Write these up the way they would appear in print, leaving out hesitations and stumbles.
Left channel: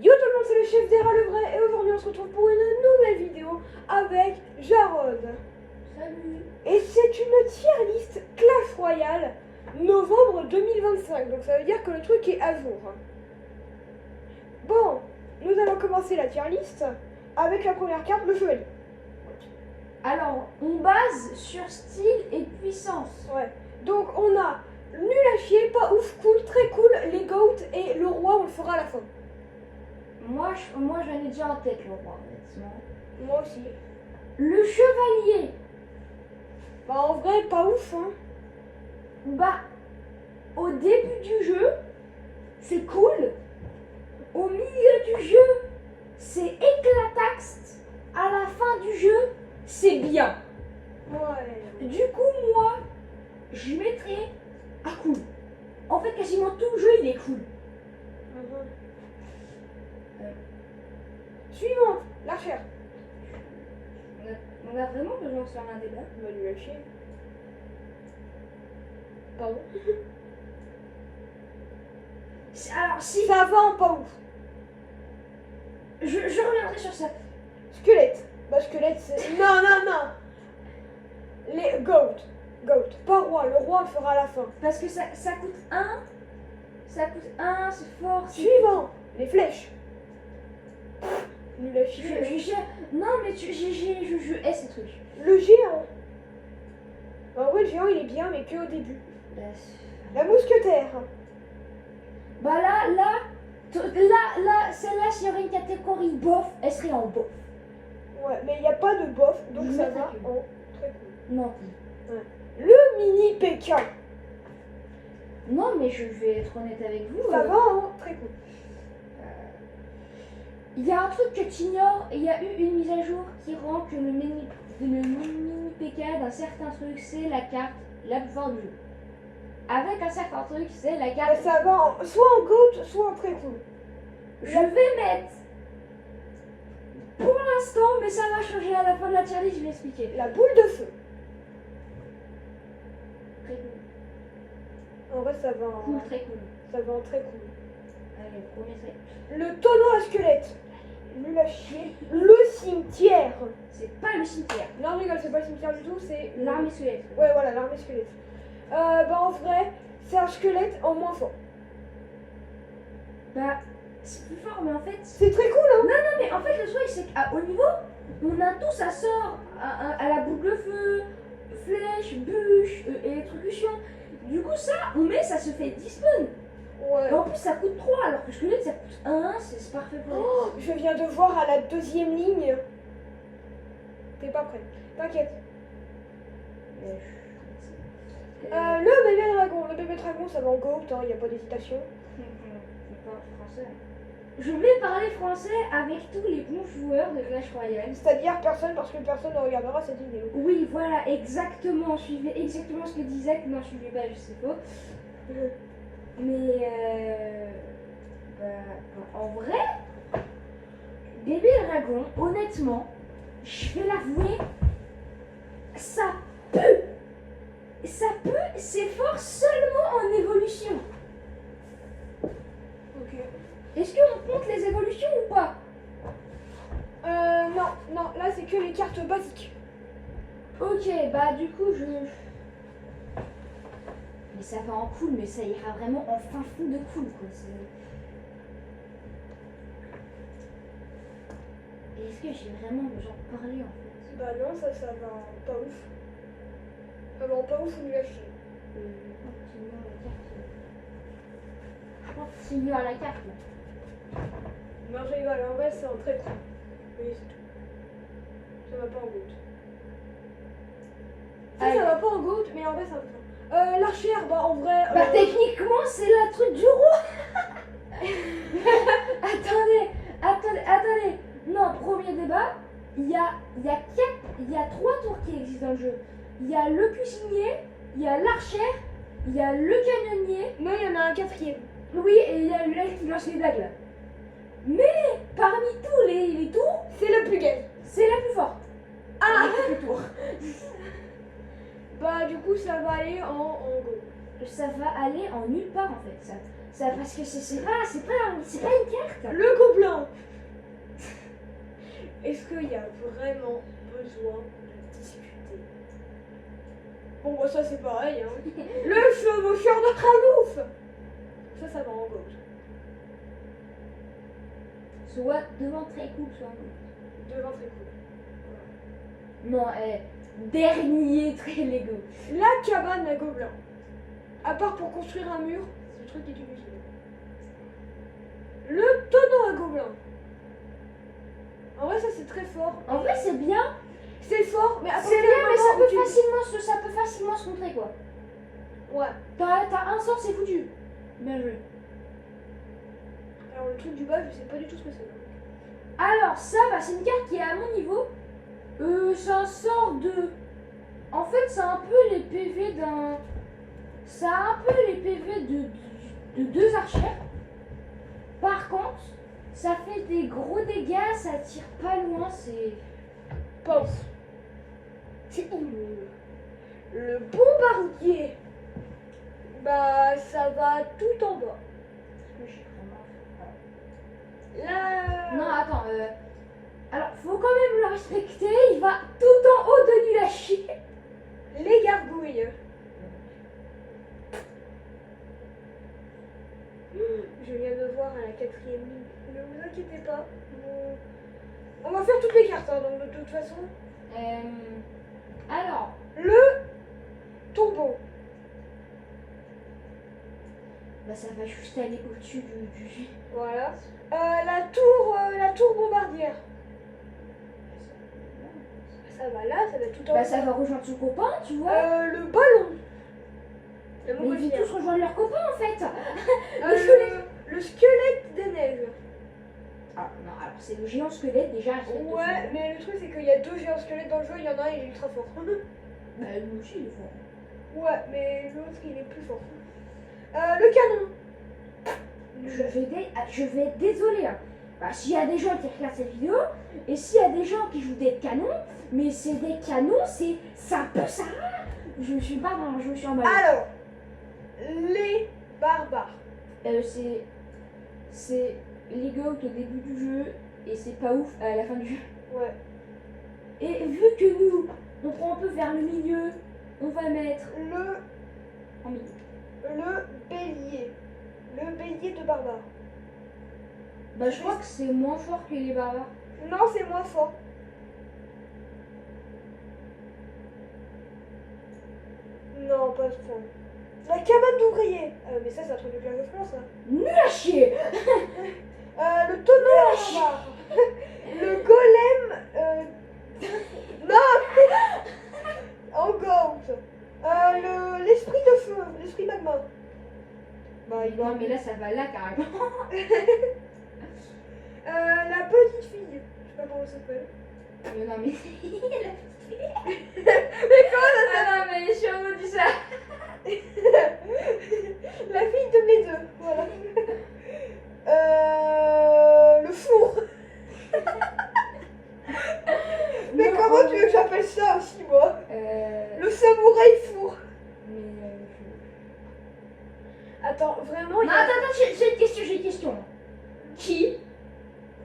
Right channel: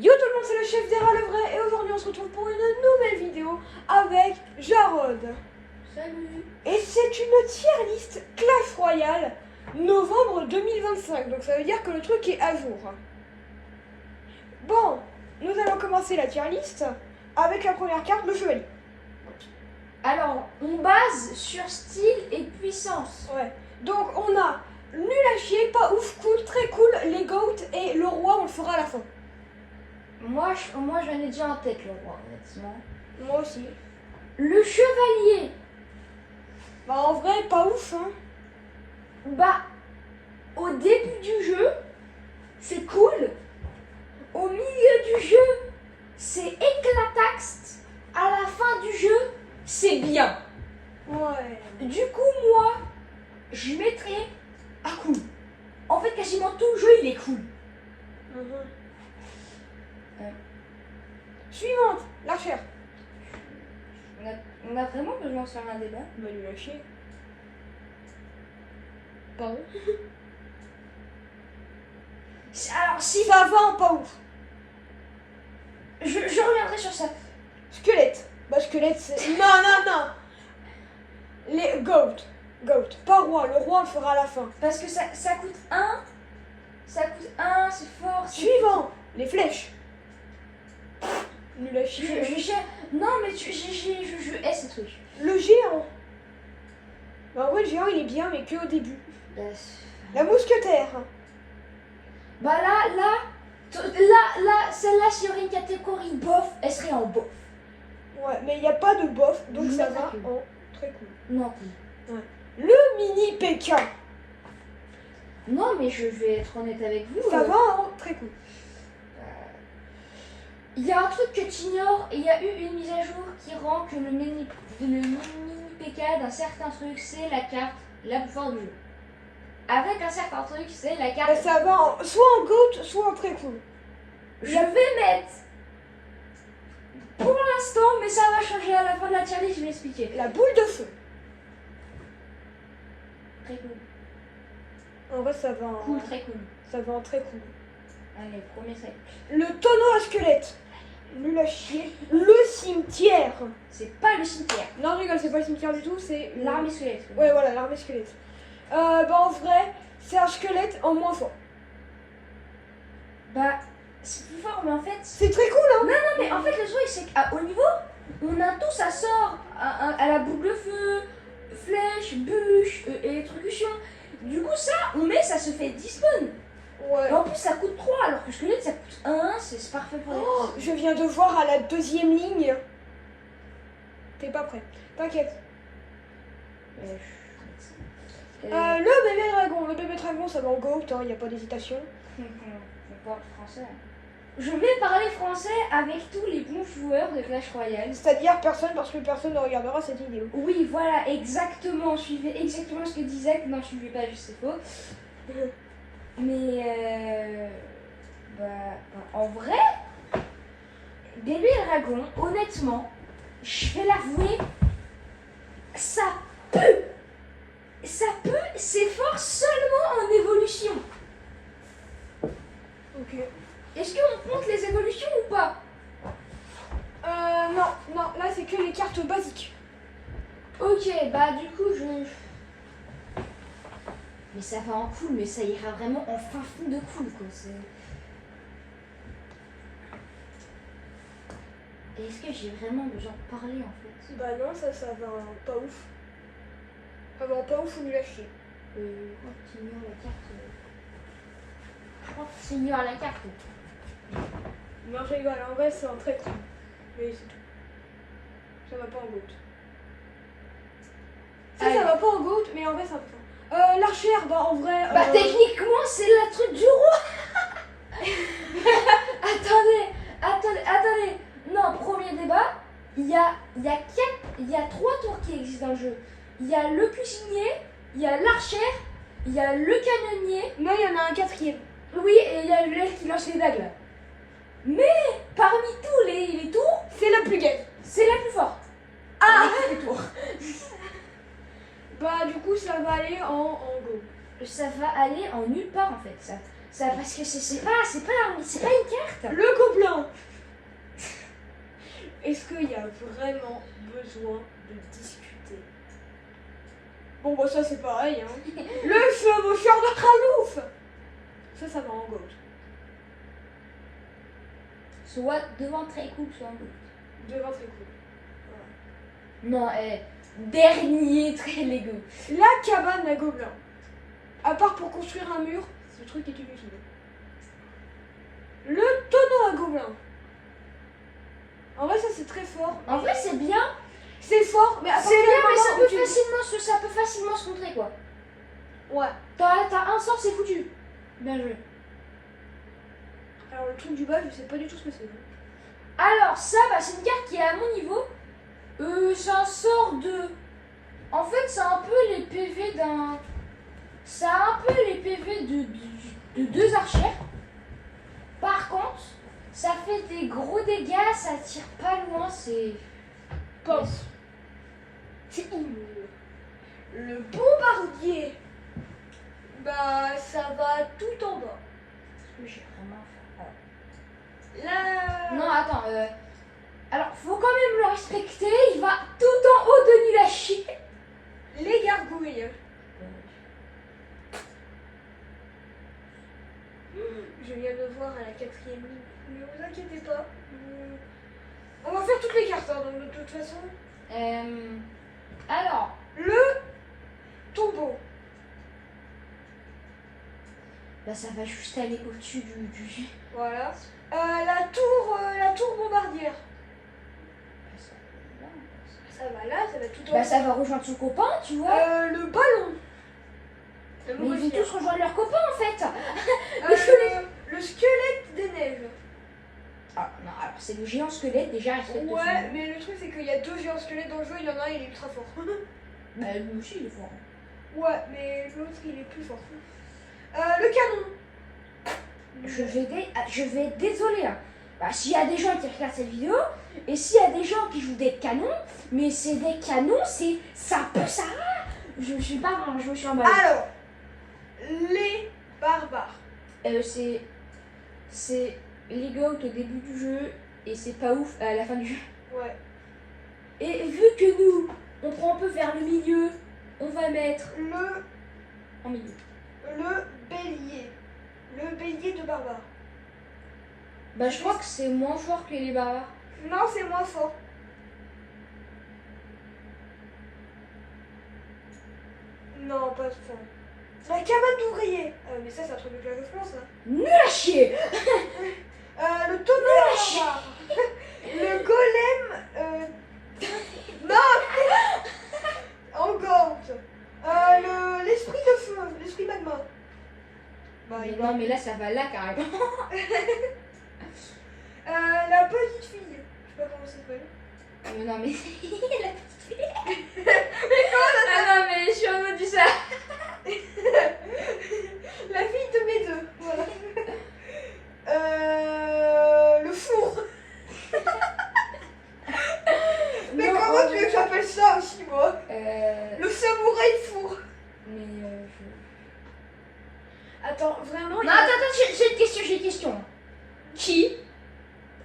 Yo tout le monde, c'est le chef Dera le vrai et aujourd'hui on se retrouve pour une nouvelle vidéo avec Jarod. Salut. Et c'est une tier list Clash Royale novembre 2025, donc ça veut dire que le truc est à jour. Bon, nous allons commencer la tier list avec la première carte, le chevalier. Alors, on base sur style et puissance. Ouais, donc on a nul à chier, pas ouf, cool, très cool, les goats et le roi on le fera à la fin. Moi, j'en ai déjà en tête, le roi, honnêtement. Moi aussi. Le chevalier, Bah en vrai, pas ouf, hein. bah, au début du jeu, c'est cool. Au milieu du jeu, c'est éclataxe. À la fin du jeu, c'est bien. Ouais. Du coup, moi, je mettrais à cool. En fait, quasiment tout le jeu, il est cool. Suivante, l'archère. On a vraiment besoin de faire un débat. Bah nul à chier. Pardon. Alors, si, Ça va en pas ouf. je reviendrai sur ça. Squelette. Bah squelette c'est... Non. Les goat. Goat. Pas roi. Le roi on le fera à la fin. Parce que ça coûte 1. Ça coûte 1, c'est fort. Suivant. Les flèches. Nul à chier. Non, mais je hais ces trucs. Le géant. Bah ouais, le géant il est bien mais que au début. La mousquetaire. Bah là, celle-là, s'il y aurait une catégorie bof, elle serait en bof. Ouais, mais il n'y a pas de bof, donc Je ça mettrais va que. en très cool. Non. Le mini Pékin. Non, mais je vais être honnête avec vous. Ça va en très cool. Il y a un truc que tu ignores, et il y a eu une mise à jour qui rend que le mini PK d'un certain truc, c'est la carte la plus forte du jeu. Avec un certain truc, c'est la carte. Ça va soit en goat, soit en très cool. Je vais mettre. Pour l'instant, mais ça va changer à la fin de la tier list, je vais expliquer. La boule de feu. Très cool. En vrai, ça va en, Cool, très cool. ça va en très cool. Allez, premier set. Le tonneau à squelette. Nul à chier. Le cimetière. C'est pas le cimetière. Non, je rigole, c'est pas le cimetière du tout, c'est... L'armée squelette. Ouais, voilà, l'armée squelette. Bah en vrai, c'est un squelette en moins fort. Bah, c'est plus fort, mais en fait. C'est très cool, hein. Non, mais en fait, le truc, c'est qu'au niveau, on a tout, ça sort à la boule de feu, flèche, bûche, électrocution. Du coup, ça, on met, ça se fait 10 spawns. Ouais. Et en plus, ça coûte 3, alors que squelette, ça coûte 1, c'est parfait pour les. Oh, je viens de voir à la deuxième ligne. T'es pas prêt. T'inquiète. Le bébé dragon. Le bébé dragon, ça va en goat, hein, y a pas d'hésitation. On parle français. Je vais parler français avec tous les bons joueurs de Clash Royale. C'est-à-dire personne, parce que personne ne regardera cette vidéo. Oui, voilà, exactement. Suivez exactement ce que dit Zach. Non, je suivais pas, juste c'est faux. Mais en vrai, bébé dragon, honnêtement, je vais l'avouer, ça peut, c'est fort seulement en évolution. Ok. Est-ce qu'on compte les évolutions ou pas? Non, là c'est que les cartes basiques. Ok, bah du coup mais ça va en cool, mais ça ira vraiment en fin fond de cool quoi. Est-ce que j'ai vraiment besoin de parler en fait? Bah non, ça va pas ouf. Ça va pas ouf ou nul à chier. Continue la carte. Continue à la carte. Non, je rigole, en vrai c'est un très cool. Mais c'est tout. Ça va pas en goat. Ça va pas en goat, mais en vrai c'est un peu fort. L'archère, bah en vrai... Bah techniquement c'est la truc du roi. Attendez. Non, premier débat, il y a 3 tours qui existent dans le jeu. Il y a le cuisinier, il y a l'archère, il y a le canonnier. Non, il y en a un quatrième. Oui, et il y a le qui lance les dagues là. Mais parmi tous les tours, C'est la plus gaine. c'est la plus forte. Ah Les tours. Bah du coup ça va aller en goat. Ça va aller en nulle part en fait. Ça parce que c'est pas une carte. Le gobelin. est-ce qu'il y a vraiment besoin de discuter? Bon, bah ça c'est pareil. Hein. Le chevaucheur de Khalouf. Ça va en gold. Soit devant très cool, soit en gold. Devant très cool. Non, dernier très Lego. La cabane à gobelins. À part pour construire un mur, ce truc est inutile. Le tonneau à gobelins. En vrai, ça c'est très fort. En vrai, c'est bien. C'est fort, mais C'est bien, mais ça peut, tu... facilement se contrer, quoi. Ouais. T'as un sort, c'est foutu. Bien joué. Alors, le truc du bas, je sais pas du tout ce que c'est. Alors, ça, bah, c'est une carte qui est à mon niveau. C'est un sort de... En fait, c'est un peu les PV d'un... Ça a un peu les PV de deux archères. Par contre, ça fait des gros dégâts, ça tire pas loin, c'est... Pense. C'est immonde. Le bombardier. Bah, ça va tout en bas. J'ai vraiment... Là... Non, attends, alors, faut quand même le respecter, il va tout en haut de nul à chier. Les gargouilles. Je viens de le voir à la 4e ligne. Ne vous inquiétez pas. On va faire toutes les cartes, hein, donc de toute façon. Alors, Le tombeau. bah ça va juste aller au-dessus du... Voilà. La tour bombardière. Ça va là, ça va tout en Bah haut. ça va rejoindre son copain, tu vois. Le ballon. Le Mais ils vont montgolfière. tous rejoindre leur copain en fait. Le squelette des neiges. Ah non, alors c'est le géant squelette déjà. Respecte Ouais, son nom. mais le truc c'est qu'il y a 2 géants squelettes dans le jeu, il y en a un il est ultra fort. Bah lui aussi il est fort. Ouais, mais l'autre il est plus fort. Le canon. Je vais être désolée là. Bah s'il y a des gens qui regardent cette vidéo et s'il y a des gens qui jouent des canons, mais c'est des canons, ça peut ça. Je me suis pas, je me suis emballée. Alors, les barbares. C'est les goats au début du jeu et c'est pas ouf à la fin du jeu. Ouais. Et vu que nous, on prend un peu vers le milieu, on va mettre en milieu. Le bélier. Le bélier de barbare. Bah je crois que c'est moins fort que les barbares. Non, c'est moins fort. Non, pas de fond. La cabane d'ouvrier. Ah, mais ça, c'est un truc de Clash of Clans, ça. Nul à chier. Le tonneau à barbare. Le golem. Non. En gold. L'esprit de feu. L'esprit magma. Bah, Mais non mais là ça va là carrément. La petite fille. Je sais pas comment ça s'appelle. Non mais la petite fille. Mais comment ça? Ah non mais je suis en mode du ça. La fille de mes deux. Voilà. Le four. Mais Non, comment tu veux que j'appelle ça aussi, moi? Euh... Le samouraï four. Mais Attends, vraiment non, attends, j'ai une question. Qui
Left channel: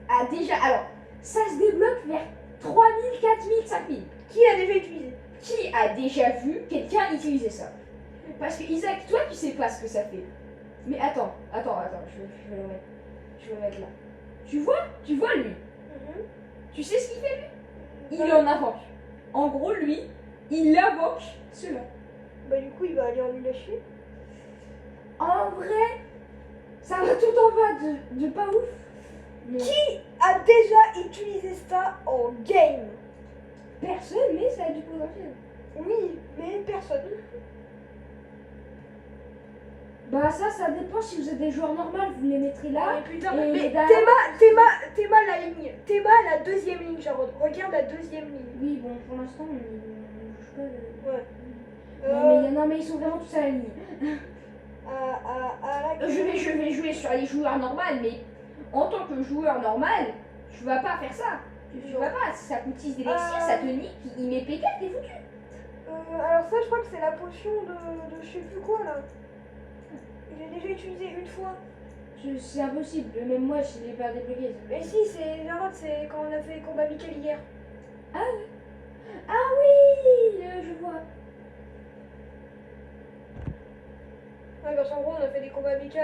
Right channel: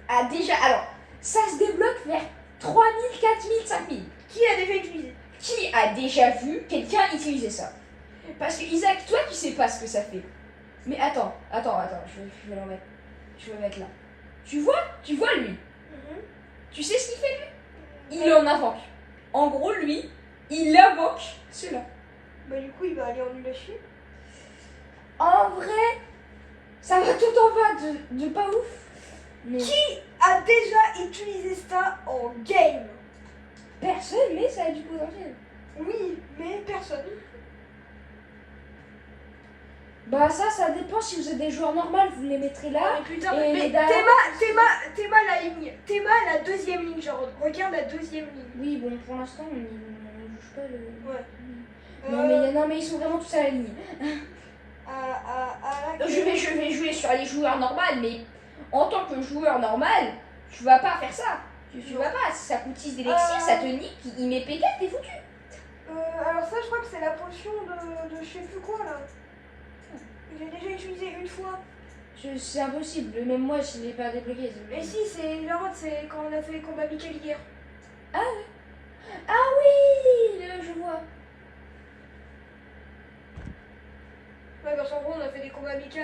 a déjà... Alors, ça se débloque vers 3000, 4000, 5000. Qui a déjà utilisé? Qui a déjà vu quelqu'un utiliser ça? Parce que Isaac, toi, tu sais pas ce que ça fait. Mais attends, je vais le mettre. Je vais le mettre là. Tu vois lui? Tu sais ce qu'il fait lui? Il en invoque. En gros, lui, il invoque cela. Bah du coup, il va aller en nul à chier. En vrai, ça va tout en bas de pas ouf. Mais Qui a déjà utilisé ça en game? personne, mais ça a du potentiel. Oui, mais personne. Bah ça dépend si vous êtes des joueurs normaux, vous les mettrez là. Oh, mais putain, et mais les darons, Théma la ligne. Théma la 2e ligne, genre. Regarde la 2e ligne. Oui, bon, pour l'instant, on bouge pas le... Ouais. Non, mais ils sont vraiment tous à la ligne. Je vais jouer sur les joueurs normaux, mais en tant que joueur normal, tu vas pas faire ça. Tu vas pas, si ça coûte 6 d'élixir, ça te nique, il met P4, t'es foutu. Alors ça, je crois que c'est la potion de je sais plus quoi, là. Il a déjà utilisé une fois. C'est impossible, même moi je l'ai pas débloqué. Mais si, c'est genre, c'est quand on a fait les combats Michael hier. Ah oui, je vois. Ouais, parce qu'en gros, on a fait des combats amicaux.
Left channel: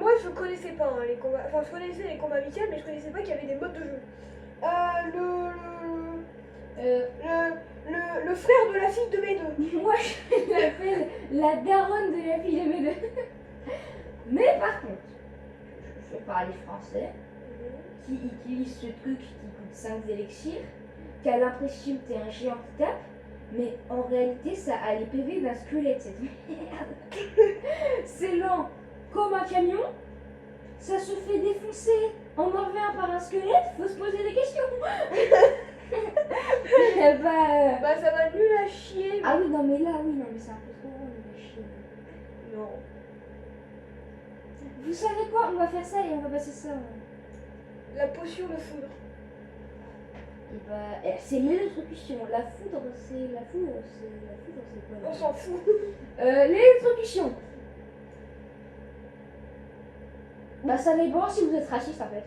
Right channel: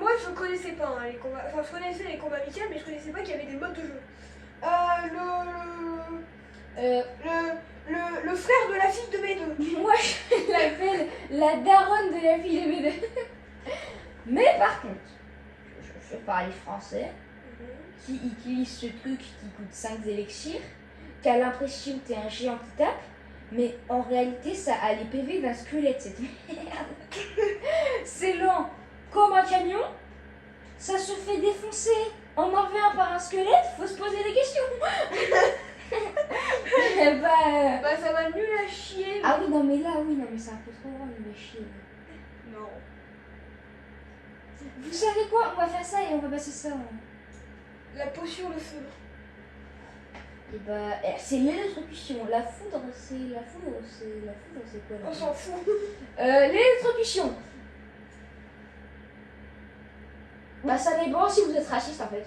Moi, je connaissais pas les combats. Enfin, je connaissais les combats amicaux, mais je connaissais pas qu'il y avait des modes de jeu. Le frère de la fille de mes deux. Moi je l'appelle la daronne de la fille de mes deux. Mais par contre, je parle français, qui utilise ce truc qui coûte 5 élixirs, qui a l'impression que t'es un géant qui tape, mais en réalité ça a les PV d'un squelette cette merde. C'est lent comme un camion, ça se fait défoncer en revient par un squelette, faut se poser des questions. Bah, ça va nul à chier. Ah oui, non mais là, oui, non mais c'est un peu trop grand, il va chier. Non. Vous savez quoi, on va faire ça et on va passer ça. La potion de foudre. Et bah, c'est l'électrocution. La foudre, c'est quoi là? On s'en fout. L'électrocution. Bah, ça dépend si vous êtes raciste en fait.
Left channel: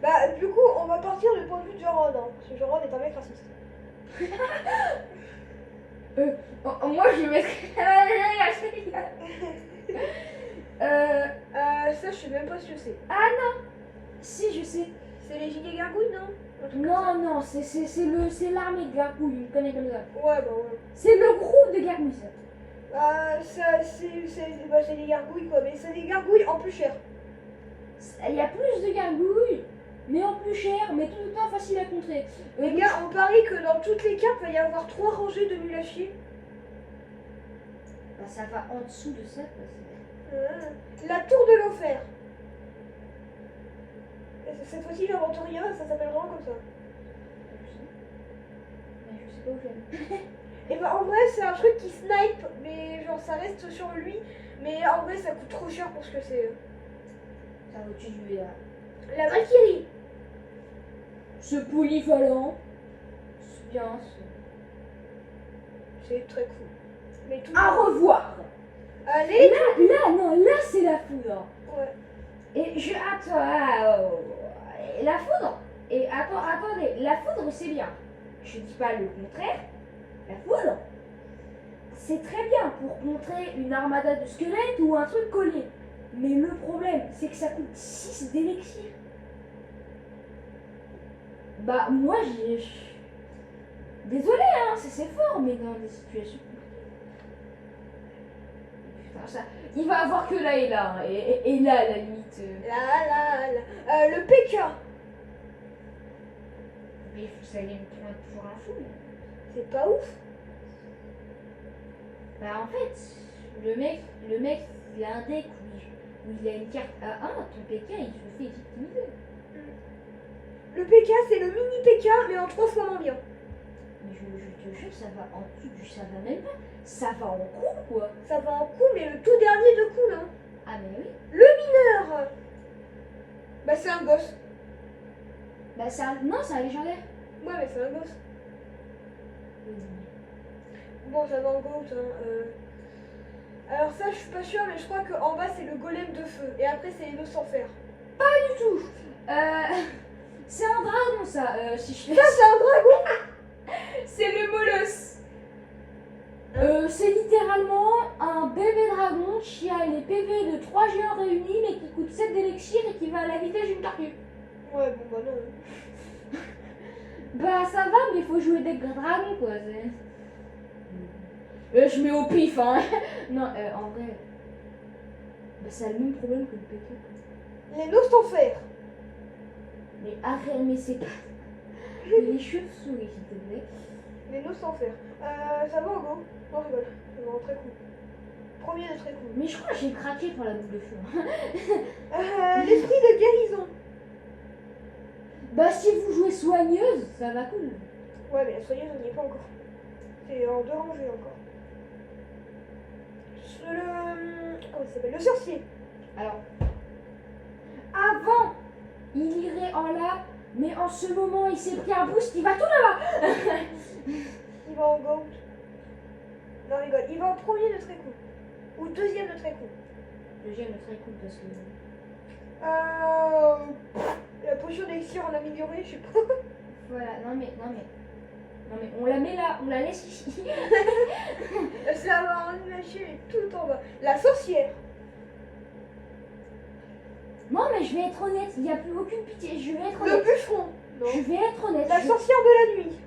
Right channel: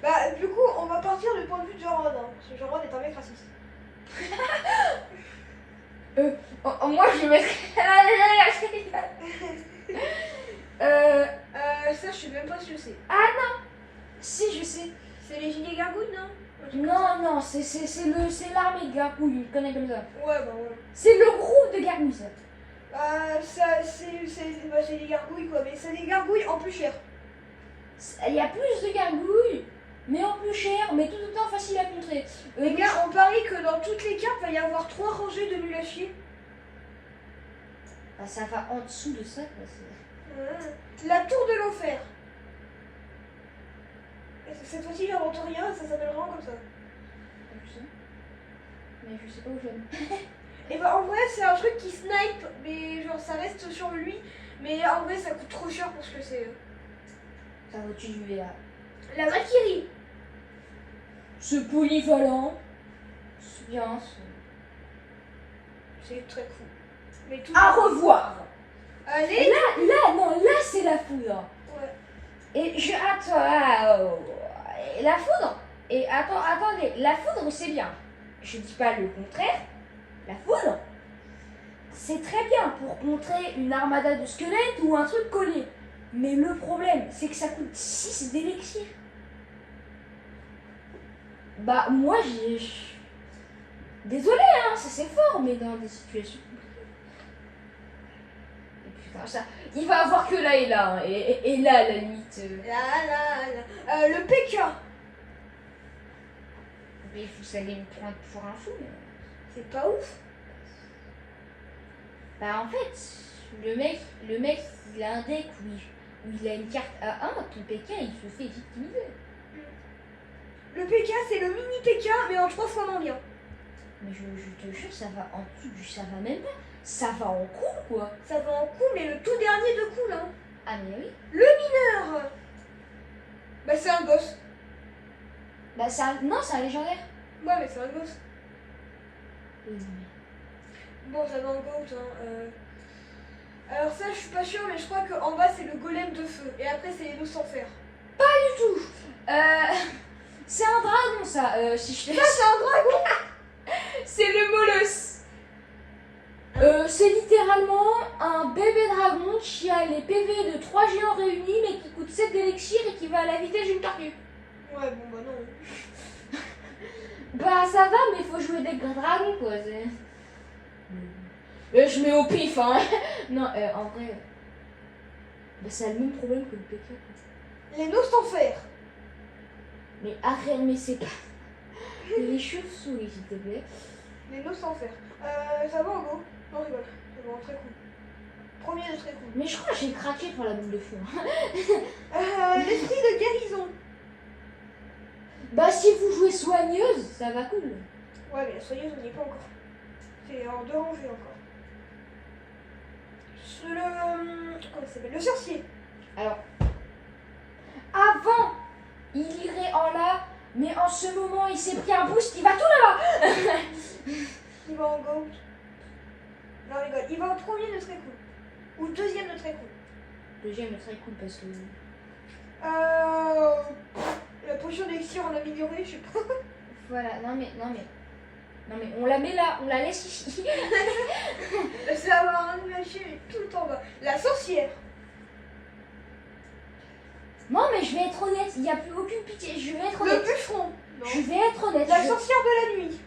Bah, du coup, on va partir du point de vue de Jarod. Hein, parce que Jarod est un mec raciste. Moi, je vais mettre. Ça, je sais même pas ce que c'est. Ah non. Si, je sais. C'est les gilets gargouilles, non? Non, c'est l'armée de gargouilles, je connais comme ça. Ouais, bah ouais. C'est le groupe de gargouilles, ça. C'est des gargouilles, quoi. Mais c'est des gargouilles en plus cher. Il y a plus de gargouilles, mais en plus cher, mais tout autant facile à contrer. Les gars, on parie que dans toutes les cartes, il va y avoir 3 rangées de nul à chier. Bah, ça va en dessous de ça, quoi. La tour de l'enfer. Cette fois-ci, j'invente rien, ça s'appelle vraiment comme ça. Mais je sais pas où j'aime. Et bah en vrai, c'est un truc qui snipe, mais genre ça reste sur lui. Mais en vrai, ça coûte trop cher pour ce que c'est. Ça va-tu jouer là? La Valkyrie. Ce polyvalent. C'est bien. C'est très cool. Mais tout. À revoir. Allez. Là, c'est la foudre. Ouais. Et je attends. La foudre. Et attendez, la foudre c'est bien. Je dis pas le contraire. La foudre, c'est très bien pour contrer une armada de squelettes ou un truc collé. Mais le problème, c'est que ça coûte 6 d'élixir. Bah moi j'ai. Désolé hein, c'est fort, mais dans des situations compliquées. Et putain, ça. Il va avoir que là et là, hein. Et là à la limite. Le PK. Mais vous allez me prendre pour un fou. C'est pas ouf. Bah en fait, le mec, il a un deck où il a une carte à 1, ton PK il se fait victimiser. Le PK c'est le mini PK mais en 3 fois moins bien. Mais je te jure, ça va en dessous du ça va même pas. Ça va en cool quoi. Ça va en cool mais le tout dernier de cool hein. Ah mais oui. Le mineur. Bah c'est un boss. Bah c'est un. Non, c'est un légendaire. Ouais mais c'est un boss. Oui, Bon, ça va en goat. Hein. Alors ça, je suis pas sûre, mais je crois qu'en bas, c'est le golem de feu. Et après, c'est les dos sans fer. pas du tout. C'est un dragon ça, si je te Ça, c'est un dragon. C'est le molosse. C'est littéralement un bébé dragon qui a les PV de 3 géants réunis mais qui coûte 7 d'élixir et qui va à la vitesse d'une tortue. Ouais, bon, bah non. Bah ça va, mais faut jouer des dragons quoi. Je mets au pif hein. Non, en vrai. Bah ça a le même problème que le PK. Les dos sans fer. Mais arrête, mais c'est pas. Les chauves-souris s'il te plaît. Les dos sans fer. Ça va en gros. Non, je rigole. C'est vraiment très cool. Premier de très cool. Mais je crois que j'ai craqué pour la boule de feu. L'esprit de guérison. Bah si vous jouez soigneuse, ça va cool. Ouais, mais la soigneuse, on n'y est pas encore. C'est en 2 rangées encore. Comment ça s'appelle? Le sorcier. Alors, avant, il irait en là, mais en ce moment, il s'est pris un boost, il va tout là-bas. Il va en goat. Non, rigole. Il va en premier de très cool. Ou deuxième de très cool. Deuxième est très cool parce que. La potion d'élixir en amélioré, je sais pas. Voilà, non mais on la met là, on la laisse ici. Ça va en imaginer tout en bas. La sorcière. Non mais je vais être honnête, il n'y a plus aucune pitié, je vais être Le honnête. bûcheron. Non. Je vais être honnête. La sorcière de la nuit.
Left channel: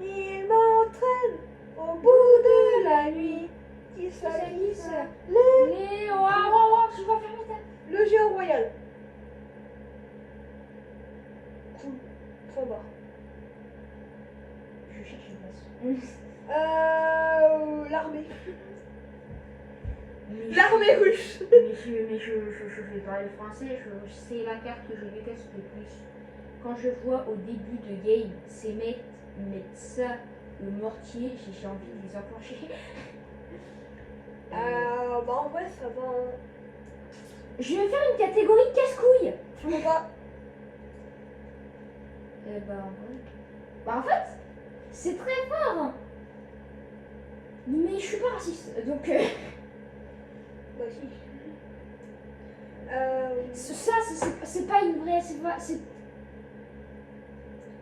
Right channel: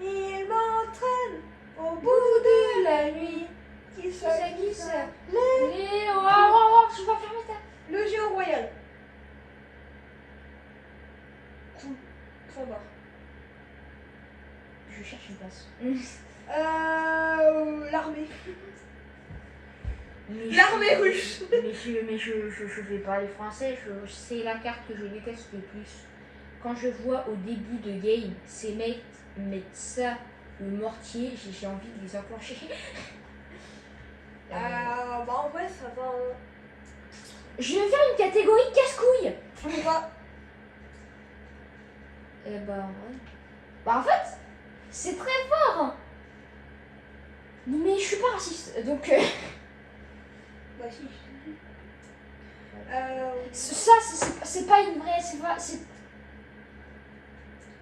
Il m'entraîne au bout de la nuit. Qui ça, qui ça? Les... Oh, je vais fermer ta... Le géant royal. Cool. Trop bas. Je cherche une place. L'armée. Mais L'armée russe. Mais je vais parler français, c'est la carte que je déteste le plus. Quand je vois au début de game ces mecs mettre ça, le mortier, j'ai envie de les enclencher. Bah en vrai ça va. Je vais faire une catégorie casse-couille. Je peux pas. Eh bah en vrai. Bah en fait, c'est très fort. Mais je suis pas raciste, donc... Bah si. Ça, c'est pas une vraie... C'est pas...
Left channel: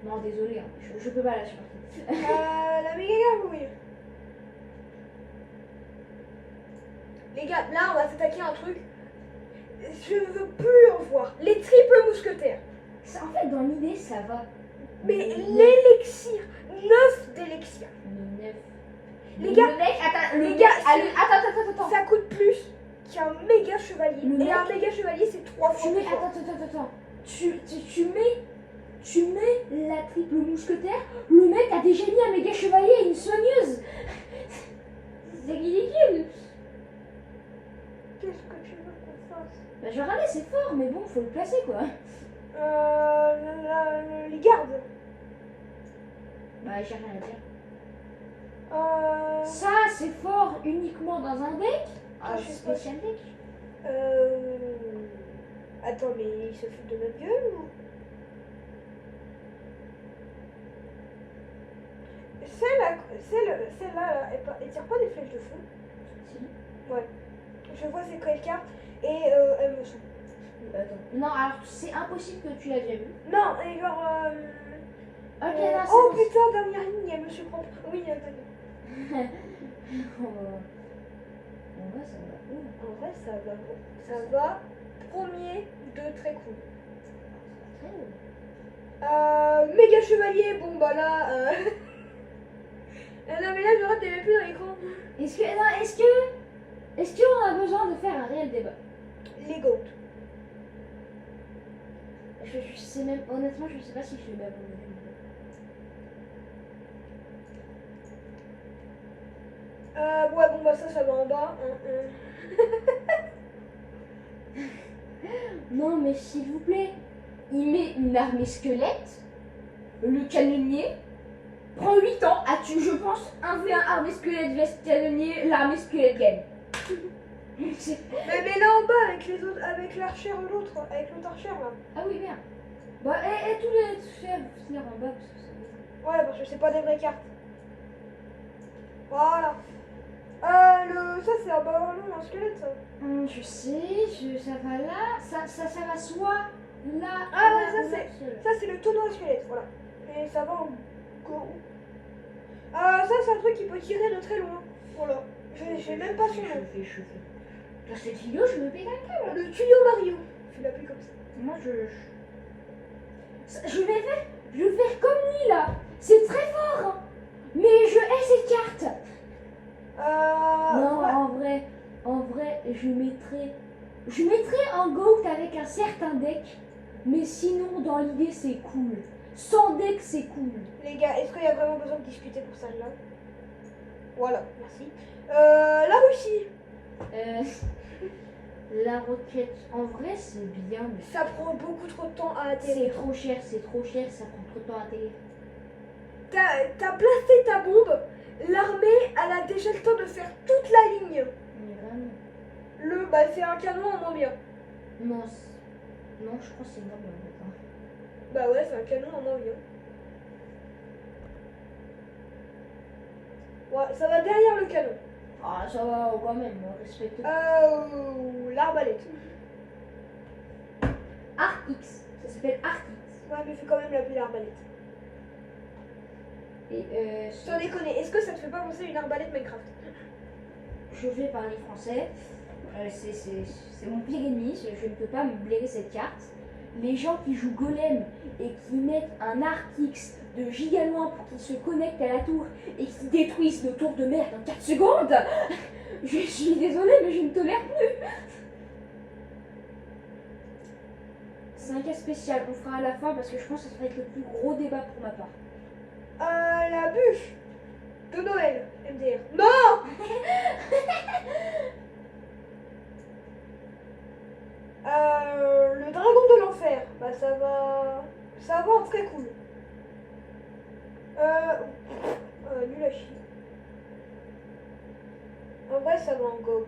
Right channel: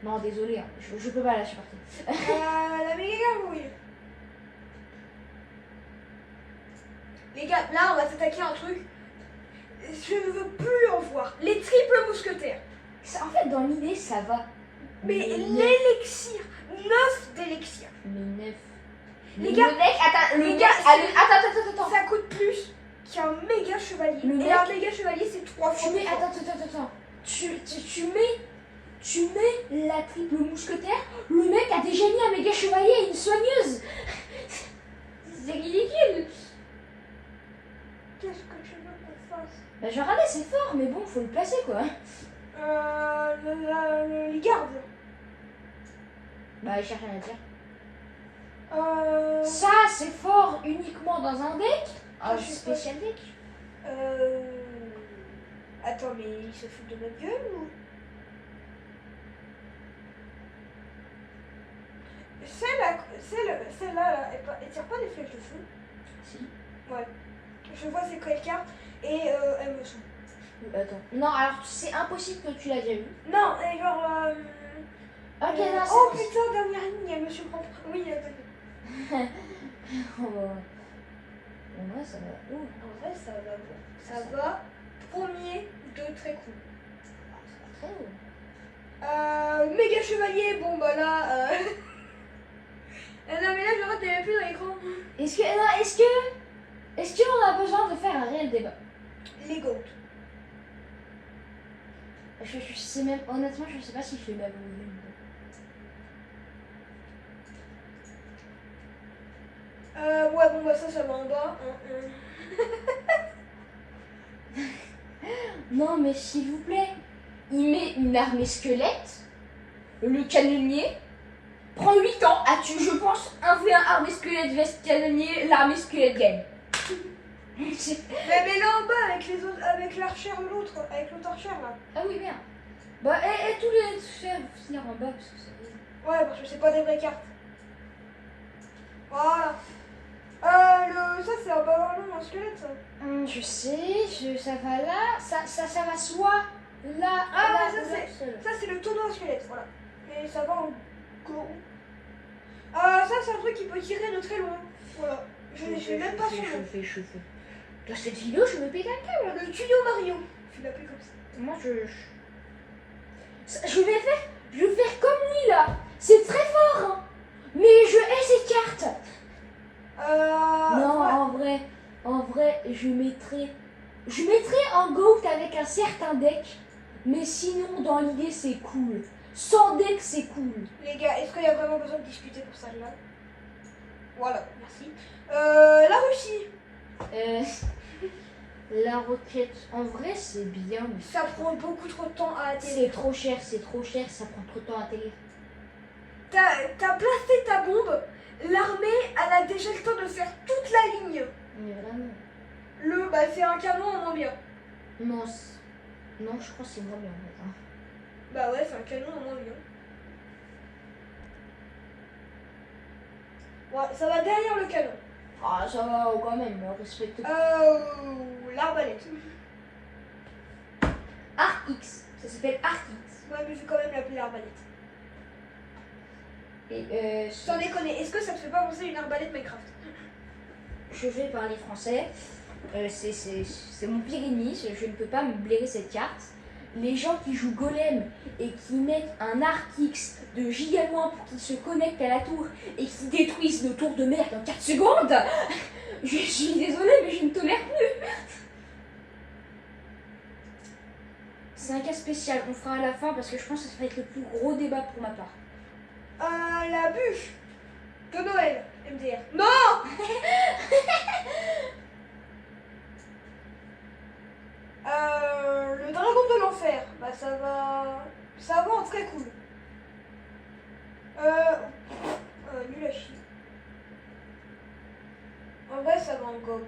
Non, désolé, hein, je peux pas là, je suis partie. La méga gargouille. Les gars, là on va s'attaquer à un truc. Je ne veux plus en voir. Les triples mousquetaires. En fait, dans l'idée, ça va. Mais l'élixir. 9 d'élixir. Mais 9. Les gars, Attends, les gars, attends. ça coûte plus qu'un méga chevalier. Le Et mec- un méga chevalier, c'est 3 fois plus fort. Attends. Tu mets la triple mousquetaire, le mec a déjà mis un méga chevalier et une soigneuse. C'est ridicule. Qu'est-ce que tu veux qu'on fasse? Bah, j'ai regardé, c'est fort, mais bon, faut le placer quoi. Les gardes. Bah, j'ai rien à dire. Euh, Ça, c'est fort uniquement dans un deck. Ah, Un je sais pas. spécial deck. Attends, mais ils se foutent de notre gueule ou? Celle-là, elle tire pas des flèches de feu. Si. Ouais. Je vois c'est quelle carte et elle me saoule. Attends. Non, alors c'est impossible que tu l'as déjà vu. Non, et genre. Ok, là, c'est oh bon. putain, dernière ligne, elle me surprend. Oui, elle a pas vu. En vrai, ça va. Ouh. En vrai, ça va. Ça va. Premier de très cool. Très haut. Méga chevalier, bon bah là. Non, mais là, je vois, t'es même plus dans l'écran. Est-ce qu'on a besoin de faire un réel débat? Les goats. Je sais même, honnêtement, je sais pas si je l'ai même Ouais, bon bah ça va en bas. Non, mais s'il vous plaît, il met une armée squelette, le canonnier, prend 8 ans à tuer, je pense, 1v1 armée squelette vs canonnier, l'armée squelette gagne. Mais là en bas avec les autres, avec l'archer l'autre, avec l'autre archer là. Ah oui, merde. Bah, et tous les chefs finir en bas parce que c'est... Ouais, parce que c'est pas des vraies cartes. Voilà. Ça c'est un ballon, un squelette ça. Je sais, ça va là, ça va soit là, Ah là, ouais, ça c'est le tonneau à squelette, voilà. Et ça va en gros. Ça c'est un truc qui peut tirer de très loin. Voilà. Je sais même pas son nom. Dans cette vidéo, je me pète un câble. Le tuyau Mario. Je l'appelle comme ça. Moi, je vais faire comme lui là. C'est très fort, hein. Mais je hais cette carte. Non, ouais. en vrai, je mettrais un GOAT avec un certain deck. Mais sinon, dans l'idée, c'est cool. Sans deck, c'est cool. Les gars, est-ce qu'il y a vraiment besoin de discuter pour ça là? Voilà, merci. La Russie. La roquette, en vrai, c'est bien. Mais ça prend beaucoup trop de temps à atterrir. C'est trop cher, ça prend trop de temps à atterrir. T'as placé ta bombe, l'armée, elle a déjà le temps de faire toute la ligne. Mais vraiment. C'est un canon en moins bien. Non, je crois que c'est moins bien. Hein. Bah ouais, c'est un canon en moins bien. Ouais, ça va derrière le canon. Ah, ça va quand même, respecte. L'arbalète. Arc X, ça s'appelle Arc X. Ouais, mais je vais quand même l'appeler arbalète. Et Sans déconner, est-ce que ça te fait pas penser à une arbalète Minecraft? je vais parler français. C'est mon pire ennemi, je ne peux pas me blairer cette carte. Les gens qui jouent Golem et qui mettent un Arc X de giga loin pour qu'ils se connectent à la tour et qui détruisent nos tours de merde en 4 secondes, je suis désolée, mais je ne tolère plus. C'est un cas spécial, on fera à la fin parce que je pense que ça va être le plus gros débat pour ma part. La bûche de Noël, MDR. Non. Le dragon de l'enfer. Bah ça va en très cool. Nul à chier. En vrai, ça va en gold.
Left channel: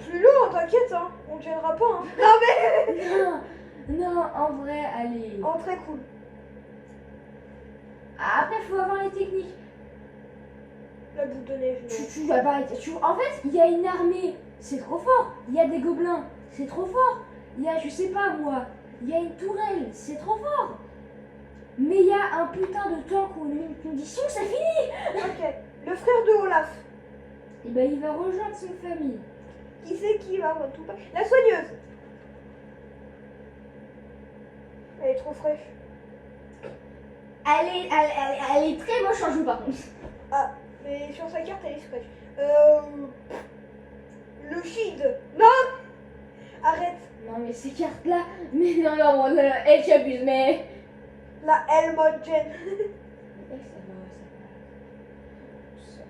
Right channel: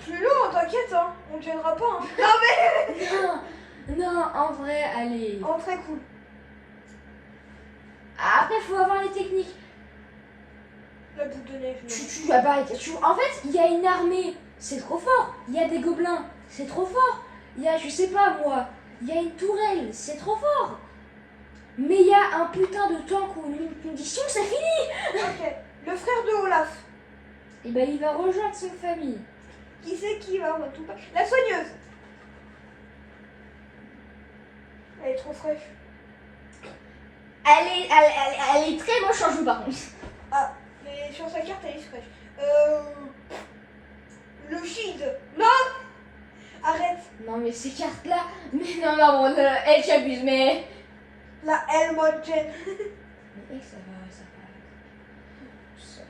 Plus lourd, t'inquiète, hein. On ne gênera pas. Hein. Non mais. Non, en vrai, allez. En très cool. Après, faut avoir les techniques. La boule de neige. En fait, il y a une armée, c'est trop fort. Il y a des gobelins, c'est trop fort. Il y a, je sais pas moi, il y a une tourelle, c'est trop fort. Mais il y a un putain de tank ou une condition, c'est fini. Ok. Le frère de Olaf. Et ben, il va rejoindre sa famille. Qui c'est qui va moi tout pas. La soigneuse. Elle est trop fraîche. Elle est très moche en jeu par contre. Ah, mais sur sa carte elle est fraîche. Le shield. Non. Arrête. Non mais ces cartes là, mais non, elle j'abuse mais. La Helmogen. Mais ça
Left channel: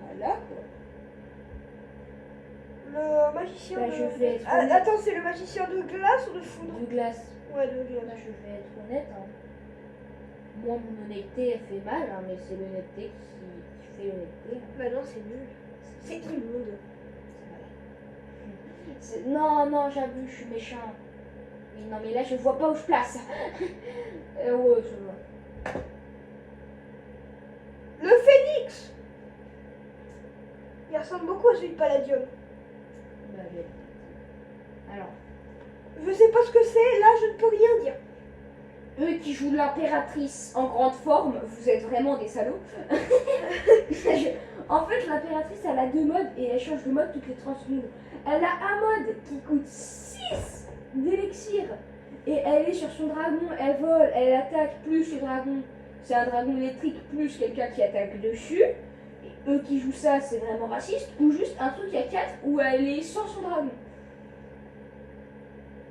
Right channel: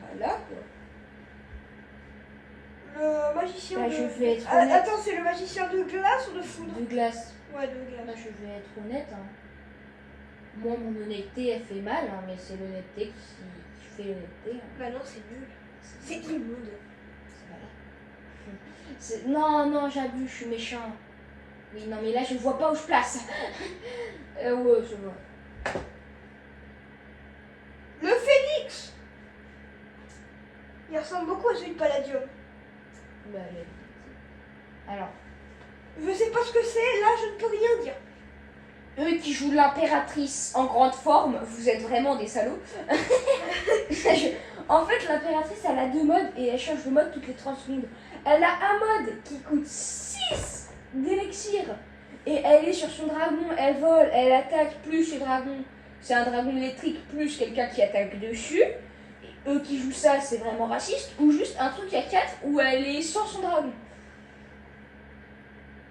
va là quoi. Le magicien Bah, de... je vais être honnête. Attends, c'est le magicien de glace ou de foudre? De glace. Ouais, de glace. Là je vais être honnête. Hein. Moi mon honnêteté elle fait mal, hein, mais c'est l'honnêteté qui fait l'honnêteté. Hein. Bah non, c'est nul. C'est immonde. Non, j'abuse, je suis méchant. Oui, non, mais là, je vois pas où je place. Ouais, je vois. Le phénix. Il ressemble beaucoup à celui de Palladium. Bah, alors, Je sais pas ce que c'est, là je ne peux rien dire. eux qui jouent l'impératrice en grande forme, vous êtes vraiment des salauds. En fait, l'impératrice, elle a 2 modes et elle change de mode toutes les 30 secondes. Elle a un mode qui coûte 6 d'élixir et elle est sur son dragon, elle vole, elle attaque plus le dragon. C'est un dragon électrique plus quelqu'un qui attaque dessus. Et eux qui jouent ça, c'est vraiment raciste. Ou juste un truc à 4 où elle est sans son dragon.